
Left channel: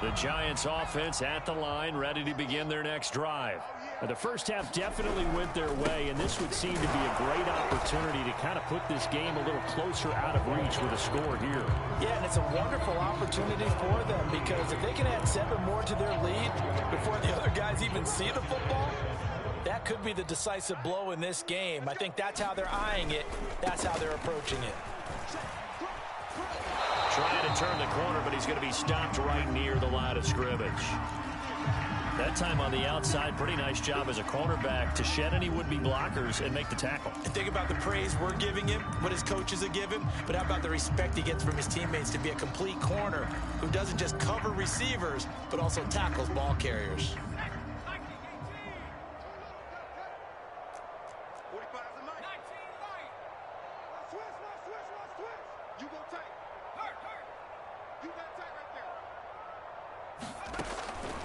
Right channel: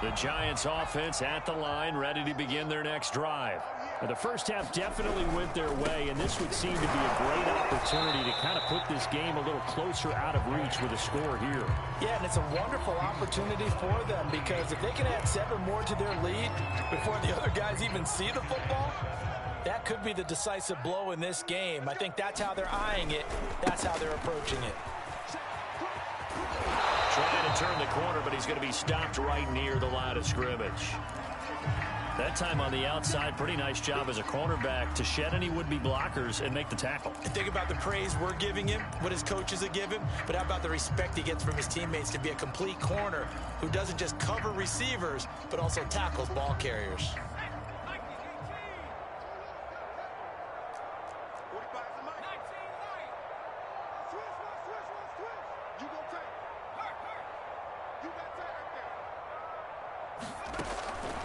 The Giants offense at the line, ready to begin their next drive. Now, the first half definitely went their way, and this would seem to be a great opportunity to kind of put this game a little closer out of reach with a score here. Yeah, and it's a wonderful opportunity for them because if they can add 7 more to their lead before the other guys even see the football, that could be the decisive blow in this game. I think that's how they're eyeing it. That's how they're approaching it. Trying to turn the corner, but he's going to be stopped right near the line of scrimmage. That time on the outside, pretty nice job as a cornerback to shed any would-be blockers and make the tackle. And think about the praise we're giving him, what his coaches have given, but how about the respect he gets from his teammates to be a complete corner who doesn't just cover receivers, but also tackles ball carriers.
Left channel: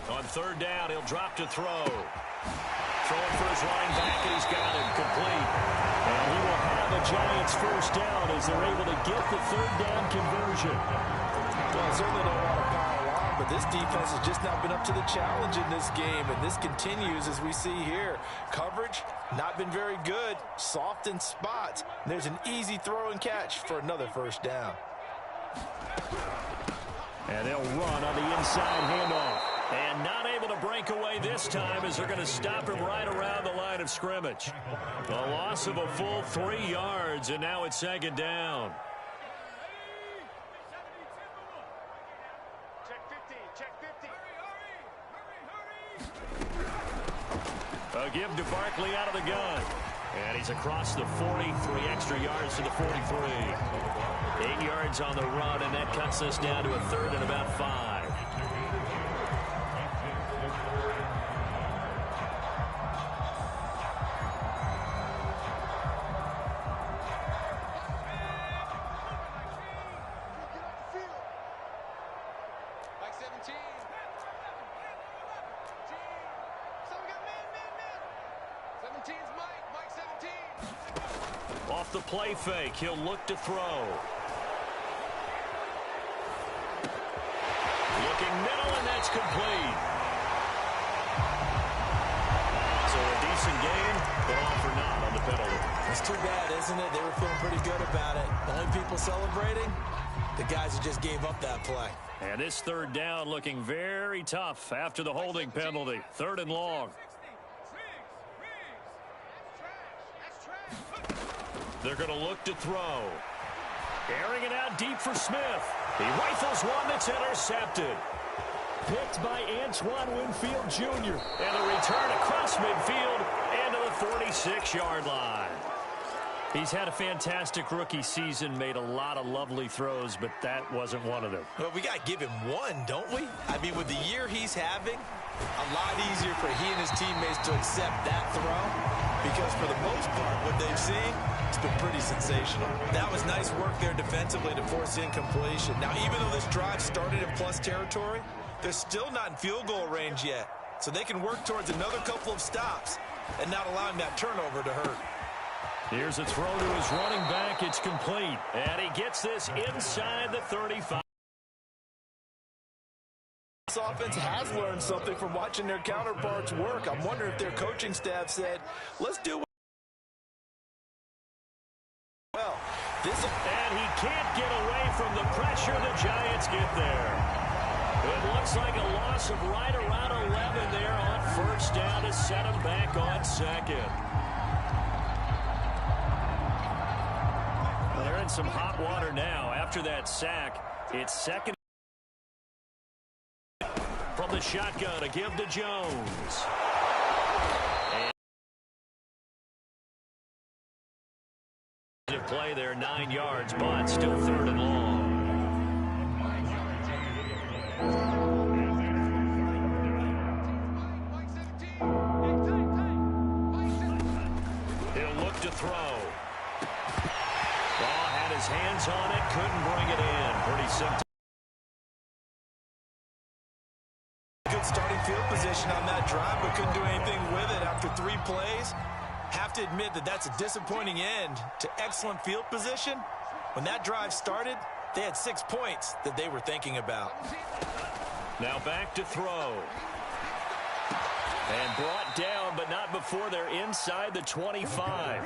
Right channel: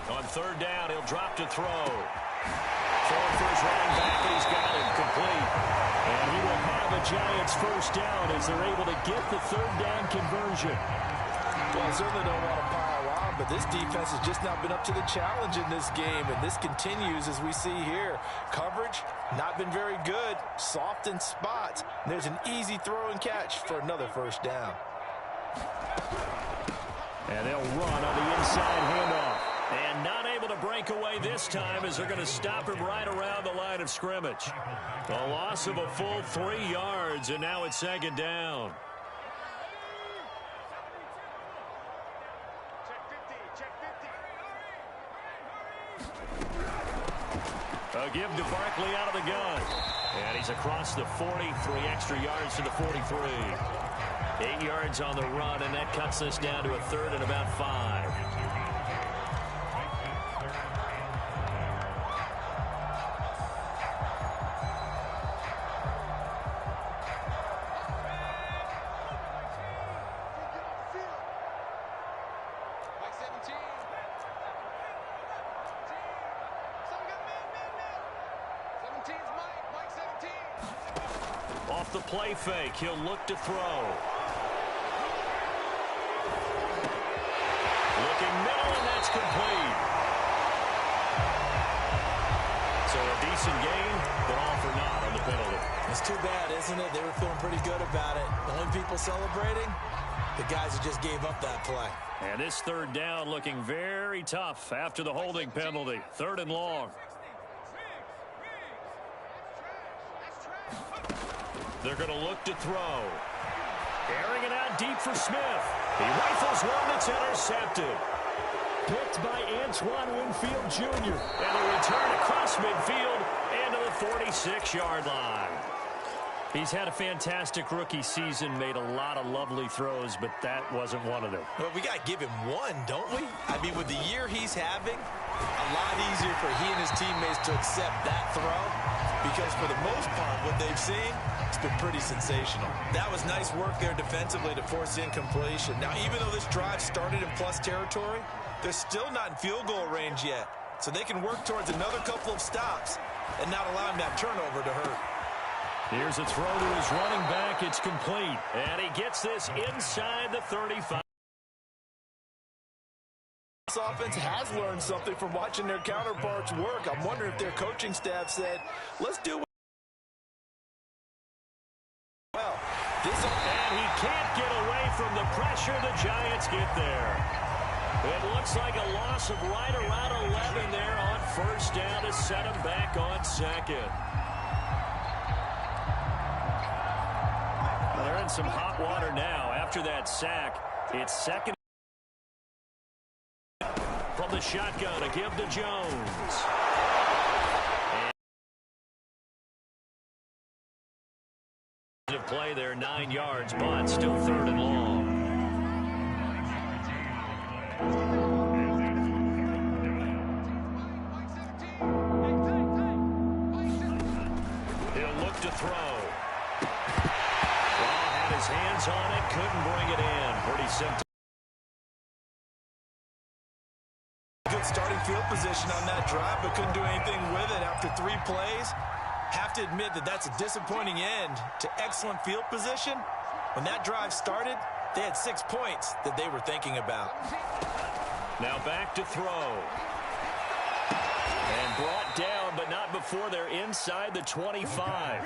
On 3rd down, he'll drop to throw. Throwing for his running back, and he's got him complete. And he will have a Giants first down as they're able to get the 3rd down conversion. Well, I certainly don't want to pile on, but this defense has just not been up to the challenge in this game, and this continues as we see here. Coverage, not been very good, soft in spots. There's an easy throw and catch for another first down. And they'll run on the inside handoff. And not able to break away this time as they're going to stop him right around the line of scrimmage. A loss of a full 3 yards, and now it's 2nd down. A give to Barkley out of the gun. And he's across the 40, 3 extra yards to the 43. 8 yards on the run, and that cuts us down to a 3rd and about 5. Off the play fake, he'll look to throw. Looking middle, and that's complete. So a decent gain, but all for naught on the penalty. It's too bad, isn't it? They were feeling pretty good about it. The only people celebrating, the guys who just gave up that play. And this 3rd down looking very tough after the holding penalty. 3rd and long. They're going to look to throw. Airing it out deep for Smith. He rifles one that's intercepted. Picked by Antoine Winfield Jr. And a return across midfield and to the 46-yard line. He's had a fantastic rookie season, made a lot of lovely throws, but that wasn't one of them. Well, we got to give him one, don't we? I mean, with the year he's having, a lot easier for he and his teammates to accept that throw because for the most part, what they've seen, it's been pretty sensational. That was nice work there defensively to force incompletion. Now, even though this drive started in plus territory, they're still not in field goal range yet, so they can work towards another couple of stops and not allowing that turnover to hurt. Here's a throw to his running back. It's complete. And he gets this inside the 35. This offense has learned something from watching their counterparts work. I'm wondering if their coaching staff said, let's do it. Well, and he can't get away from the pressure. The Giants get there. It looks like a loss of right around 11 there on first down to set him back on second. Well, they're in some hot water now. After that sack, it's second. From the shotgun, to give to Jones. And play there, 9 yards, but still third and long. He'll look to throw. Ball had his hands on it, couldn't bring it in. Pretty simple. Good starting field position on that drive, but couldn't do anything with it after 3 plays. Have to admit that that's a disappointing end to excellent field position. When that drive started, they had 6 points that they were thinking about. Now back to throw. And brought down, but not before they're inside the 25.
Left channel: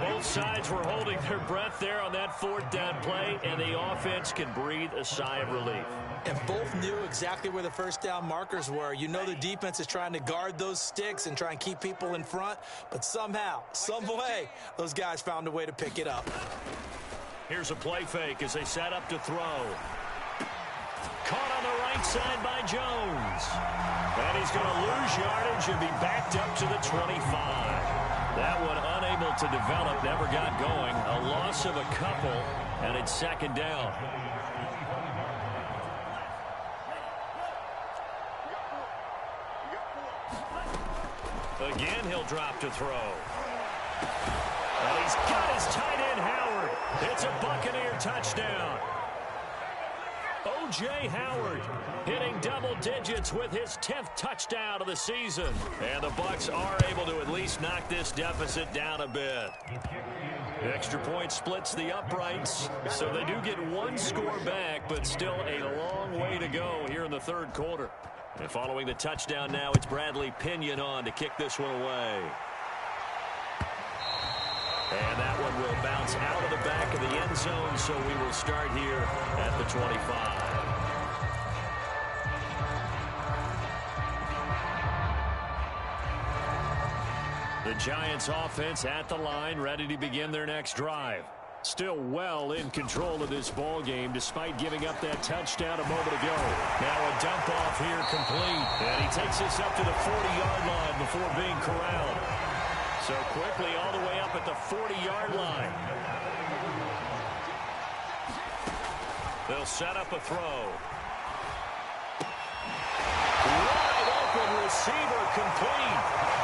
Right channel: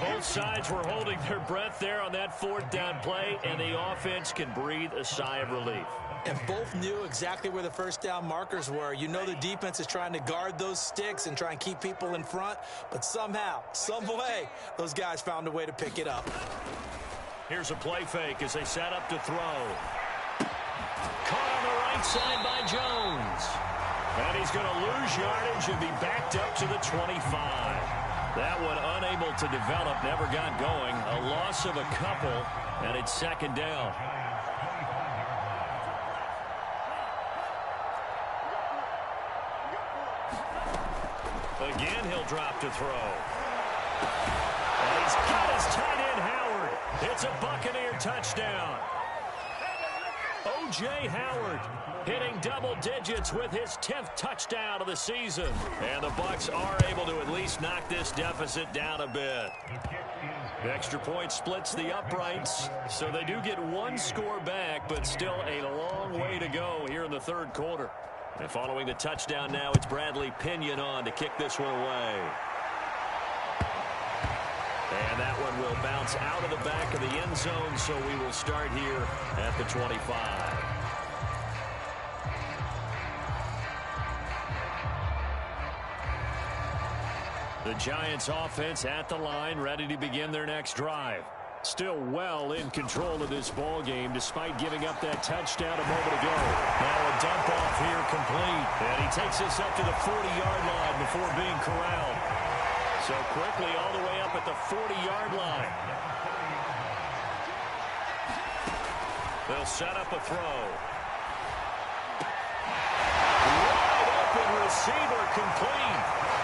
Both sides were holding their breath there on that fourth down play, and the offense can breathe a sigh of relief. And both knew exactly where the first down markers were. You know the defense is trying to guard those sticks and try and keep people in front, but somehow, some way, those guys found a way to pick it up. Here's a play fake as they set up to throw. Caught on the right side by Jones. And he's going to lose yardage and be backed up to the 25. That one unable to develop, never got going. A loss of a couple, and it's second down. Again, he'll drop to throw. And he's got his tight end, Howard. It's a Buccaneer touchdown. O.J. Howard hitting double digits with his 10th touchdown of the season. And the Bucs are able to at least knock this deficit down a bit. The extra point splits the uprights, so they do get one score back, but still a long way to go here in the third quarter. And following the touchdown now, it's Bradley Pinion on to kick this one away. And that one will bounce out of the back of the end zone, so we will start here at the 25. The Giants offense at the line, ready to begin their next drive. Still well in control of this ball game despite giving up that touchdown a moment ago. Now a dump off here complete. And he takes this up to the 40-yard line before being corralled. So quickly all the way up at the 40-yard line. They'll set up a throw. Wide open receiver complete.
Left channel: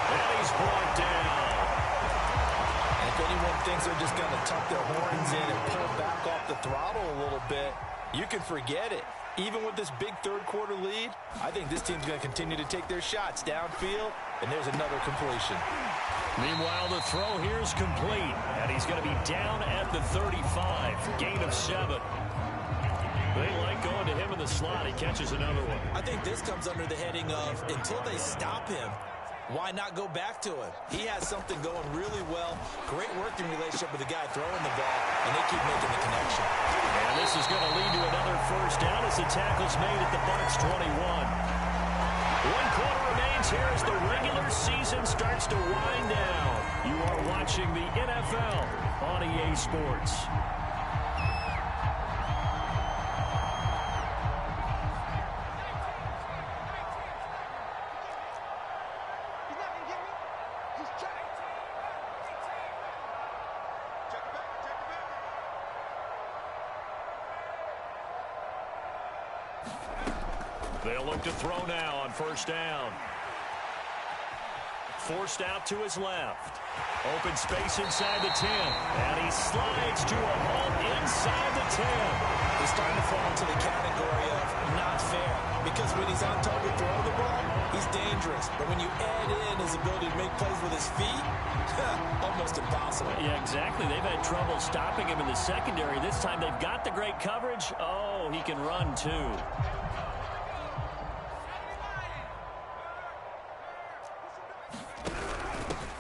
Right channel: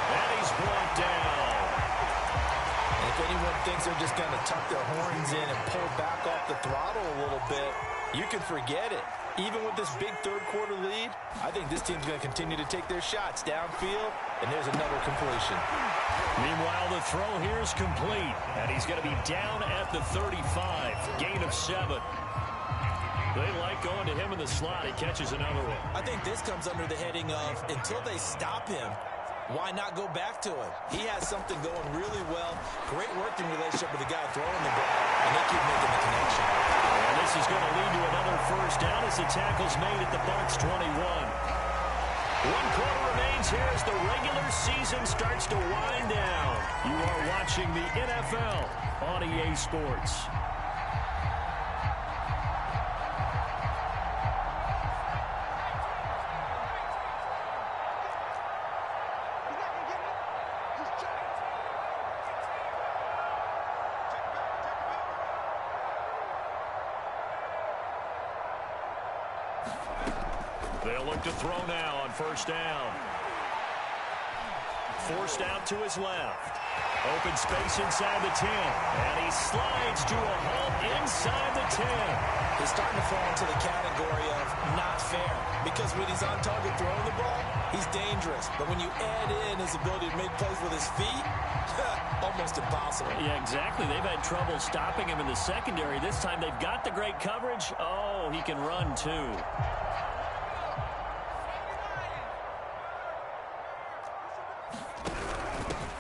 And he's brought down. And if anyone thinks they're just going to tuck their horns in and pull back off the throttle a little bit, you can forget it. Even with this big third quarter lead, I think this team's going to continue to take their shots downfield, and there's another completion. Meanwhile, the throw here is complete, and he's going to be down at the 35, gain of 7. They like going to him in the slot. He catches another one. I think this comes under the heading of until they stop him, why not go back to him? He has something going really well. Great working relationship with the guy throwing the ball, and they keep making the connection. And this is going to lead to another first down as the tackle's made at the Bucs 21. 1 quarter remains here as the regular season starts to wind down. You are watching the NFL on EA Sports. They'll look to throw now on first down. Forced out to his left. Open space inside the 10. And he slides to a halt inside the 10. He's starting to fall into the category of not fair. Because when he's on target throwing the ball, he's dangerous. But when you add in his ability to make plays with his feet, almost impossible. Yeah, exactly. They've had trouble stopping him in the secondary. This time they've got the great coverage. Oh, he can run too.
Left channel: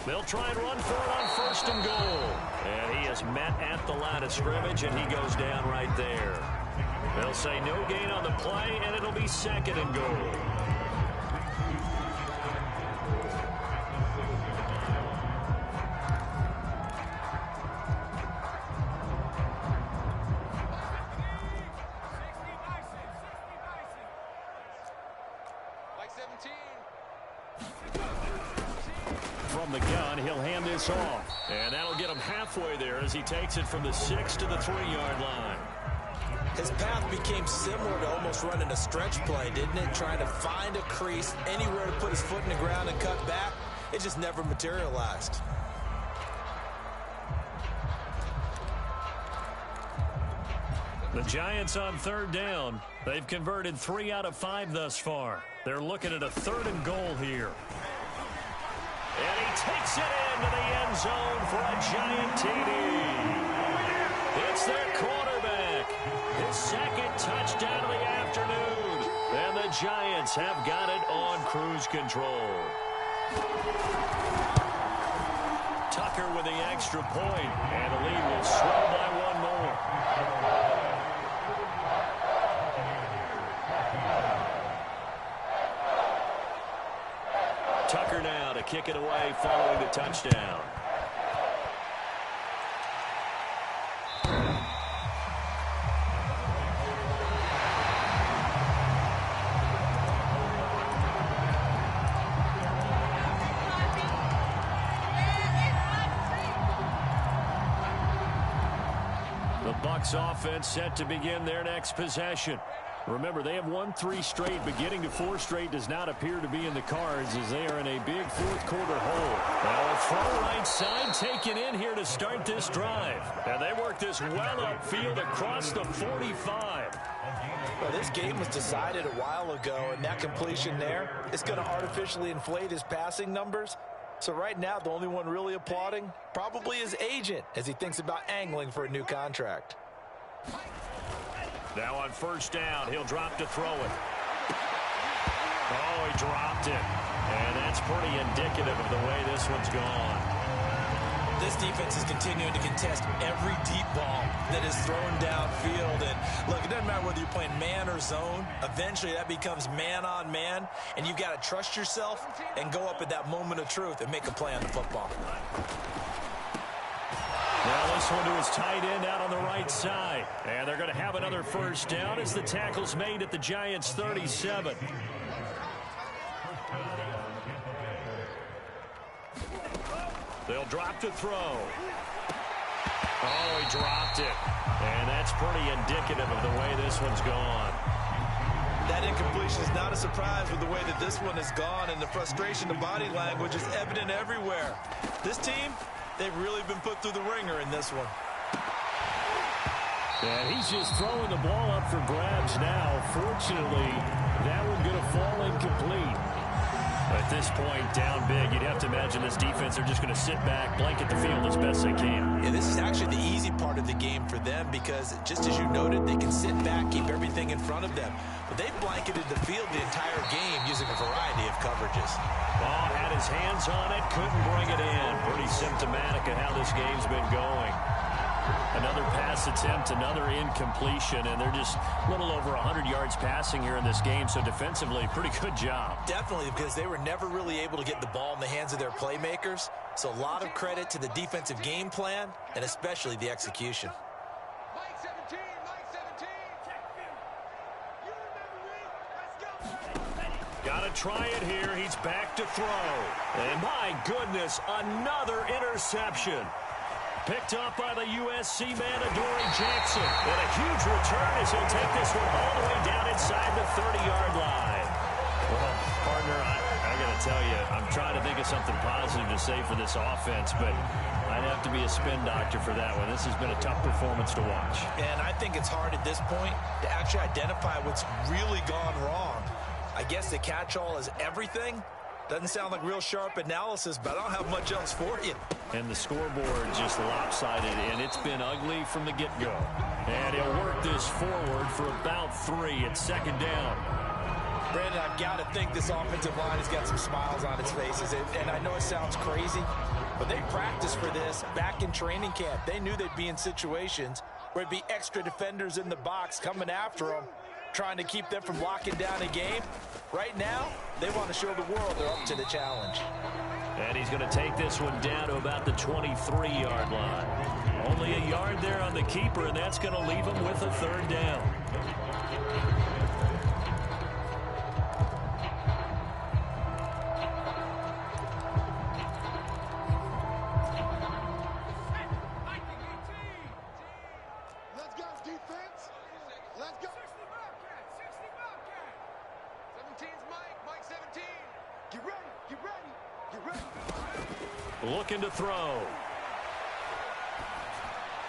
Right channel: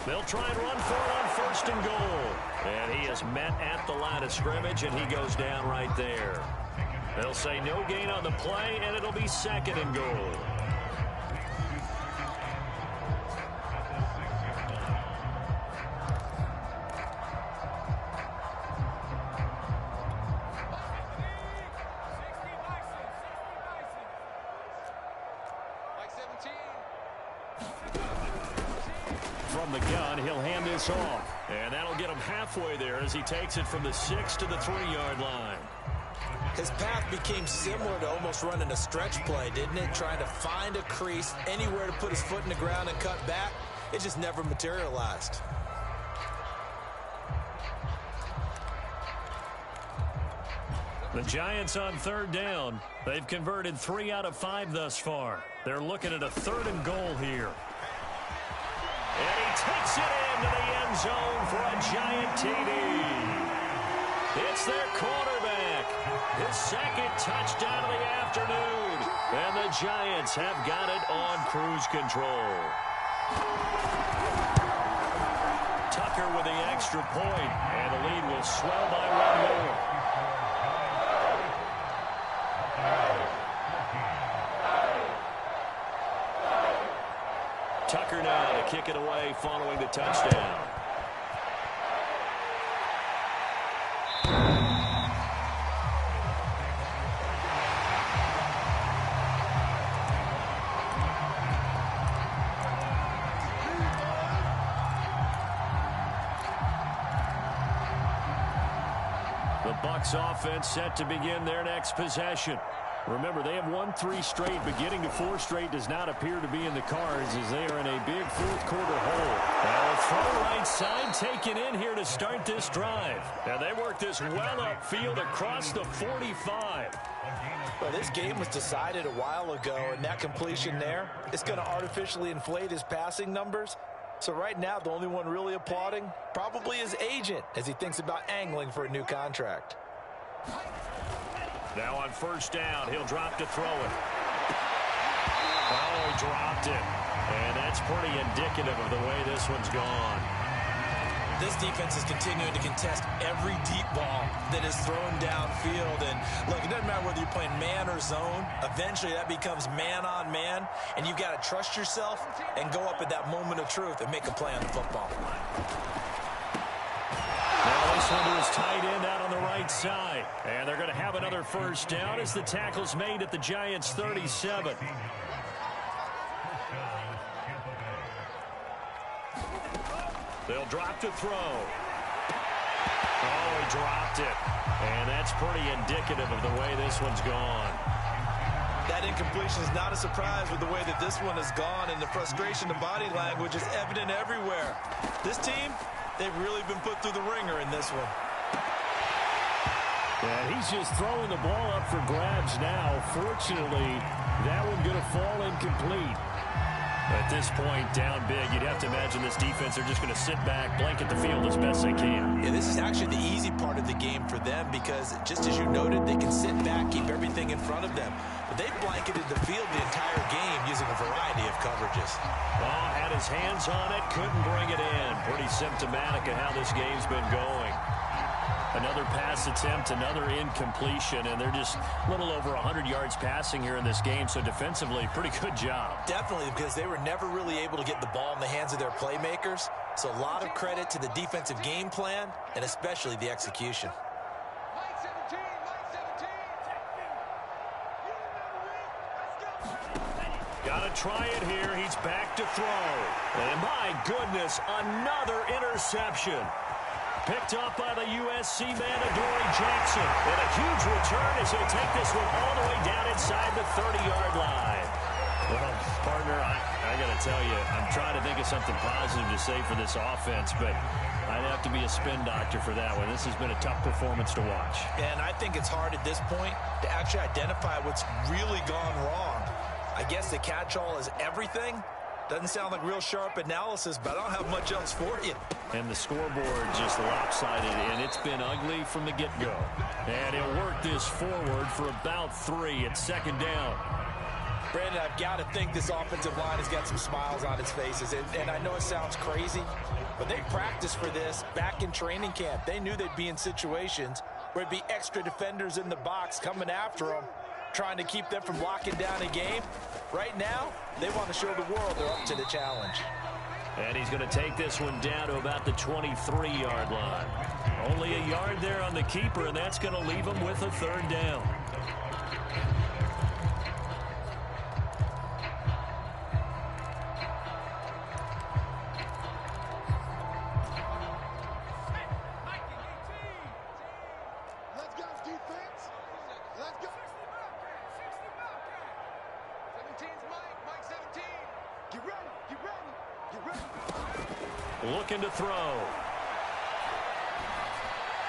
They'll try and run for it on first and goal. And he is met at the line of scrimmage, and he goes down right there. They'll say no gain on the play, and it'll be second and goal. From the gun, he'll hand this off. And that'll get him halfway there as he takes it from the 6 to the 3-yard line. His path became similar to almost running a stretch play, didn't it? Trying to find a crease, anywhere to put his foot in the ground and cut back. It just never materialized. The Giants on third down. They've converted 3 out of 5 thus far. They're looking at a 3rd and goal here. And he takes it into the end zone for a Giant TD. It's their quarterback. His 2nd touchdown of the afternoon. And the Giants have got it on cruise control. Tucker with the extra point, and the lead will swell by 1 more. Tucker now to kick it away following the touchdown. The Bucs offense set to begin their next possession. Remember, they have won 3 straight, but getting to 4 straight does not appear to be in the cards as they are in a big 4th quarter hole. Now a throw right side taken in here to start this drive. And they work this well upfield across the 45. Well, this game was decided a while ago, and that completion there is going to artificially inflate his passing numbers. So right now, the only one really applauding probably his agent as he thinks about angling for a new contract. Now on first down, he'll drop to throw it. Oh, he dropped it. And that's pretty indicative of the way this one's gone. This defense is continuing to contest every deep ball that is thrown downfield. And look, it doesn't matter whether you're playing man or zone. Eventually, that becomes man on man. And you've got to trust yourself and go up at that moment of truth and make a play on the football. Now this one to his tight end out on the right side. And they're going to have another first down as the tackle's made at the Giants' 37. They'll drop to throw. Oh, he dropped it. And that's pretty indicative of the way this one's gone. That incompletion is not a surprise with the way that this one has gone, and the frustration, the body language is evident everywhere. This team, they've really been put through the ringer in this one. And he's just throwing the ball up for grabs now. Fortunately, that one going to fall incomplete. At this point, down big, you'd have to imagine this defense are just going to sit back, blanket the field as best they can. Yeah, this is actually the easy part of the game for them because, just as you noted, they can sit back, keep everything in front of them. But they've blanketed the field the entire game using a variety of coverages. Ball had his hands on it, couldn't bring it in. Pretty symptomatic of how this game's been going. Another pass attempt, another incompletion, and they're just a little over 100 yards passing here in this game, so defensively, pretty good job. Definitely, because they were never really able to get the ball in the hands of their playmakers, so a lot of credit to the defensive game plan, and especially the execution. Mike 17, Mike 17. You remember me? Let's go. Got to try it here. He's back to throw. And my goodness, another interception. Picked up by the USC man, Adoree Jackson. And a huge return as he'll take this one all the way down inside the 30-yard line. Well, partner, I got to tell you, I'm trying to think of something positive to say for this offense, but I'd have to be a spin doctor for that one. This has been a tough performance to watch. And I think it's hard at this point to actually identify what's really gone wrong. I guess the catch-all is everything. Doesn't sound like real sharp analysis, but I don't have much else for you. And the scoreboard just lopsided, and it's been ugly from the get-go. And he'll work this forward for about 3. It's second down. Brandon, I've got to think this offensive line has got some smiles on its faces. And I know it sounds crazy, but they practiced for this back in training camp. They knew they'd be in situations where it'd be extra defenders in the box coming after them, trying to keep them from locking down a game. Right now, they want to show the world they're up to the challenge. And he's going to take this one down to about the 23-yard line. Only a yard there on the keeper, and that's going to leave him with a third down. Let's go, defense. Let's go. 60 Bobcat. 60 Bobcat. 17's Mike. Mike 17. Get ready. Get ready. Get ready. Looking to throw.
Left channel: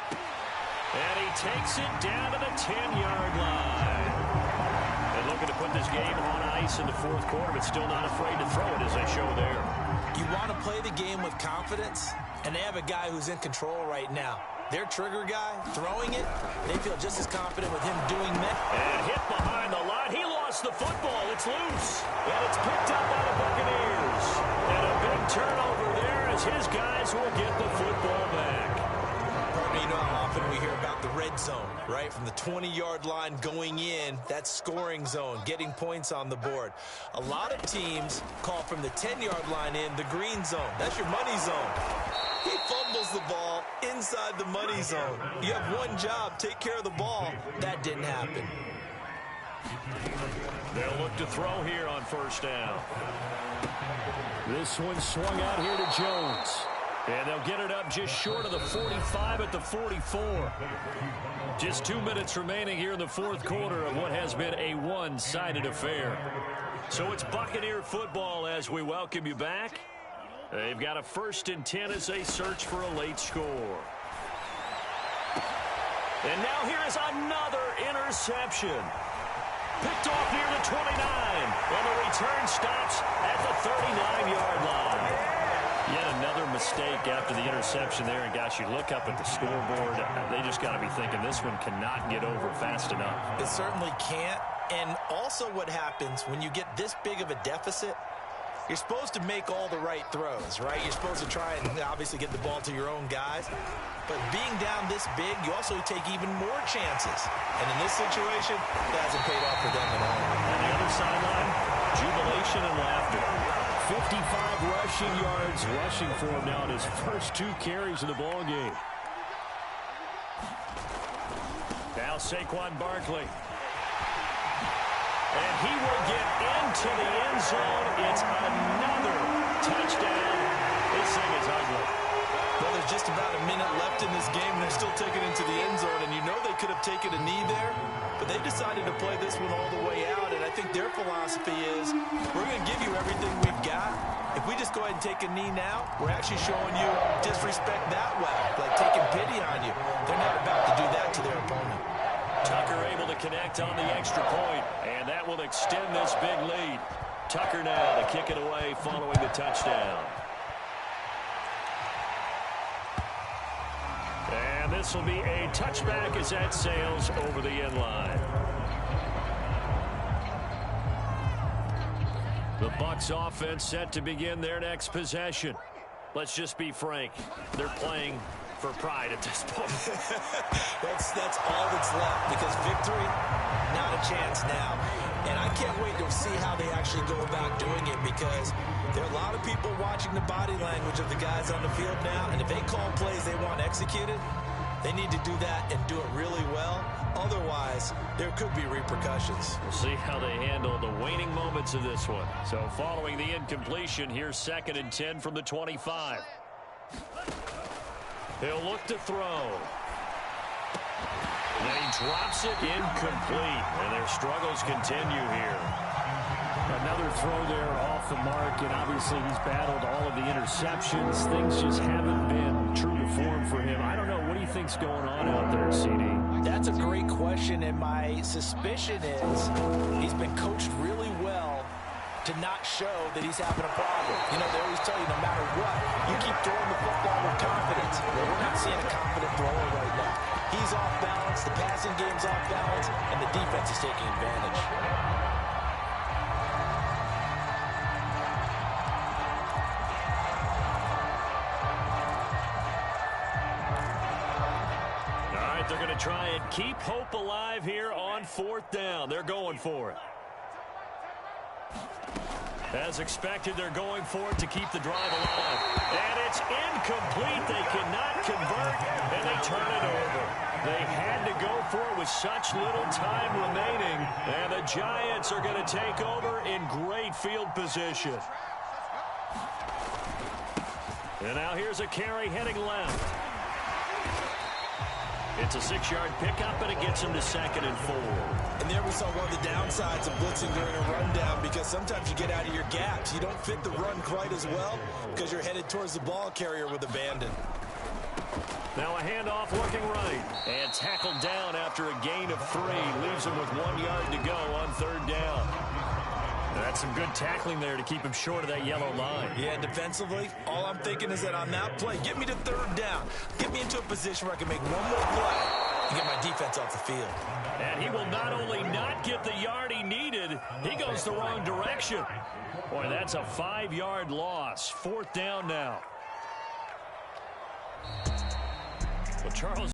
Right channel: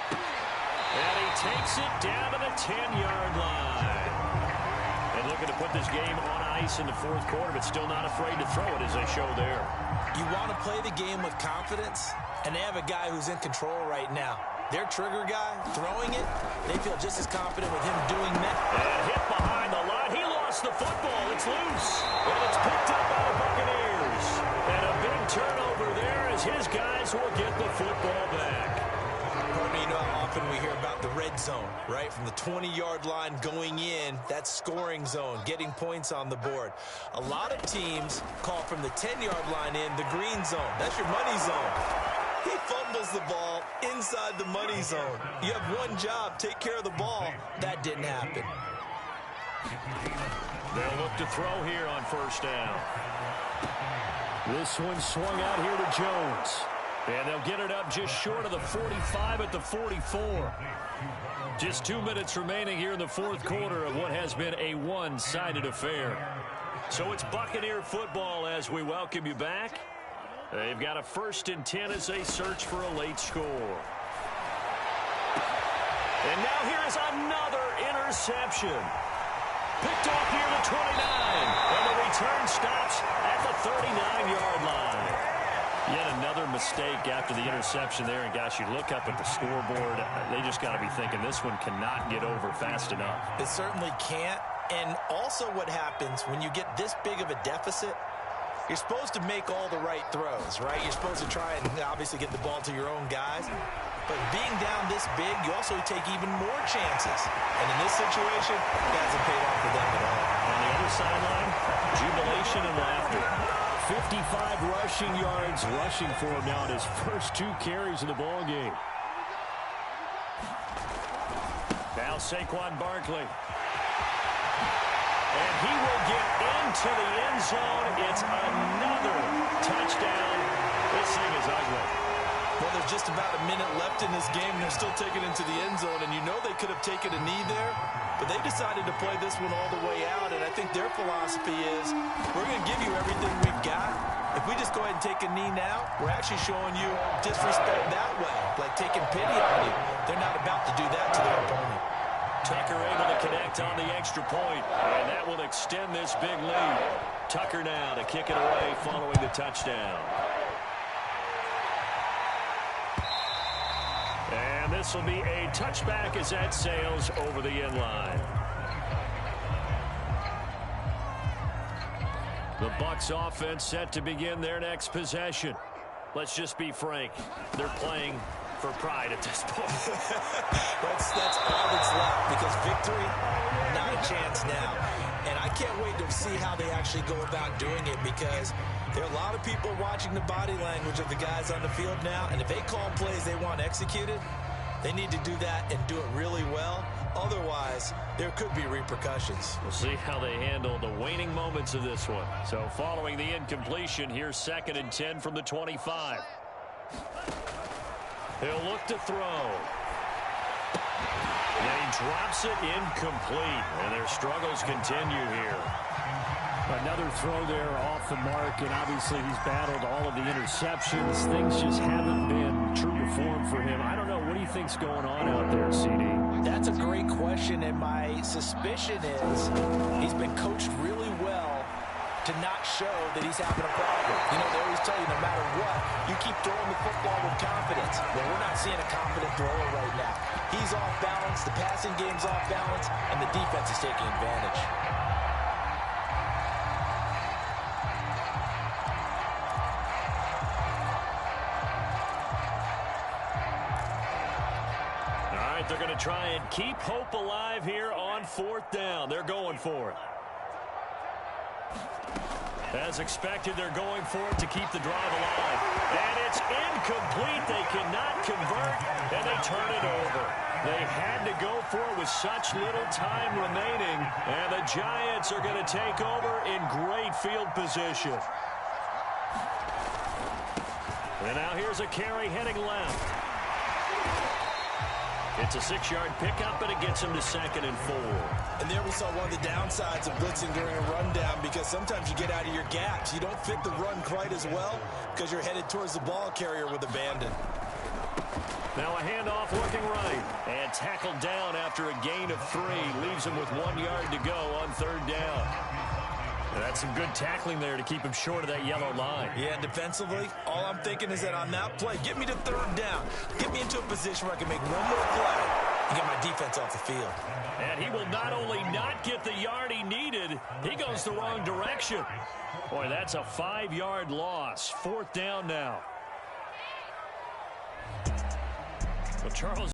And he takes it down to the 10-yard line. And looking to put this game on ice in the fourth quarter, but still not afraid to throw it as they show there. You want to play the game with confidence, and they have a guy who's in control right now. Their trigger guy, throwing it, they feel just as confident with him doing that. And hit behind the line. He lost the football. It's loose. And it's picked up by the Buccaneers. And a big turnover there as his guys will get the football back. Pardon me, you know how often we hear about the red zone, right? From the 20-yard line going in, that's scoring zone, getting points on the board. A lot of teams call from the 10-yard line in the green zone. That's your money zone. He fumbles the ball inside the money zone. You have one job, take care of the ball. That didn't happen. They'll look to throw here on first down. This one swung out here to Jones. And they'll get it up just short of the 45 at the 44. Just 2 minutes remaining here in the fourth quarter of what has been a one-sided affair. So it's Buccaneer football as we welcome you back. They've got a 1st and 10 as they search for a late score. And now here is another interception. Picked off near the 29. And the return stops at the 39-yard line. Yet another mistake after the interception there. And, gosh, you look up at the scoreboard. They just got to be thinking this one cannot get over fast enough. It certainly can't. And also what happens when you get this big of a deficit, you're supposed to make all the right throws, right? You're supposed to try and obviously get the ball to your own guys. But being down this big, you also take even more chances. And in this situation, it hasn't paid off for them at all. On the other sideline, jubilation and laughter. 55 rushing yards rushing for him now in his first 2 carries of the ball game. Now Saquon Barkley. And he will get into the end zone. It's another touchdown. This thing is ugly. Well, there's just about a minute left in this game, and they're still taking it into the end zone. And you know they could have taken a knee there, but they decided to play this one all the way out. And I think their philosophy is, we're going to give you everything we've got. If we just go ahead and take a knee now, we're actually showing you disrespect that way, like taking pity on you. They're not about to do that to their opponent. Tucker able to connect on the extra point, and that will extend this big lead. Tucker now to kick it away following the touchdown. And this will be a touchback as that sails over the end line. The Bucs offense set to begin their next possession. Let's just be frank. They're playing for pride at this point. That's all that's left, because victory, not a chance now. And I can't wait to see how they actually go about doing it, because there are a lot of people watching the body language of the guys on the field now, and if they call plays they want executed, they need to do that and do it really well. Otherwise, there could be repercussions. We'll see how they handle the waning moments of this one. So following the incompletion, here's 2nd and 10 from the 25. He'll look to throw. And he drops it incomplete. And their struggles continue here. Another throw there off the mark, and obviously he's battled all of the interceptions. Things just haven't been true to form for him. I don't know. What do you think's going on out there, CD? That's a great question, and my suspicion is he's been coached really well to not show that he's having a problem. You know, they always tell you no matter what, you keep throwing the football with confidence. Well, we're not seeing a confident thrower right now. He's off balance, the passing game's off balance, and the defense is taking advantage. All right, they're going to try and keep hope alive here on 4th down. They're going for it. As expected, they're going for it to keep the drive alive. And it's incomplete. They cannot convert, and they turn it over. They had to go for it with such little time remaining, and the Giants are going to take over in great field position. And now here's a carry heading left. It's a 6-yard pickup, and it gets him to 2nd and 4. And there we saw one of the downsides of blitzing during a rundown, because sometimes you get out of your gaps. You don't fit the run quite as well because you're headed towards the ball carrier with abandon. Now a handoff looking right. And tackled down after a gain of 3. Leaves him with 1 yard to go on 3rd down. That's some good tackling there to keep him short of that yellow line. Yeah, defensively, all I'm thinking is that on that play, get me to 3rd down. Get me into a position where I can make one more play and get my defense off the field. And he will not only not get the yard he needed, he goes the wrong direction. Boy, that's a 5-yard loss. 4th down now. Well, Charles.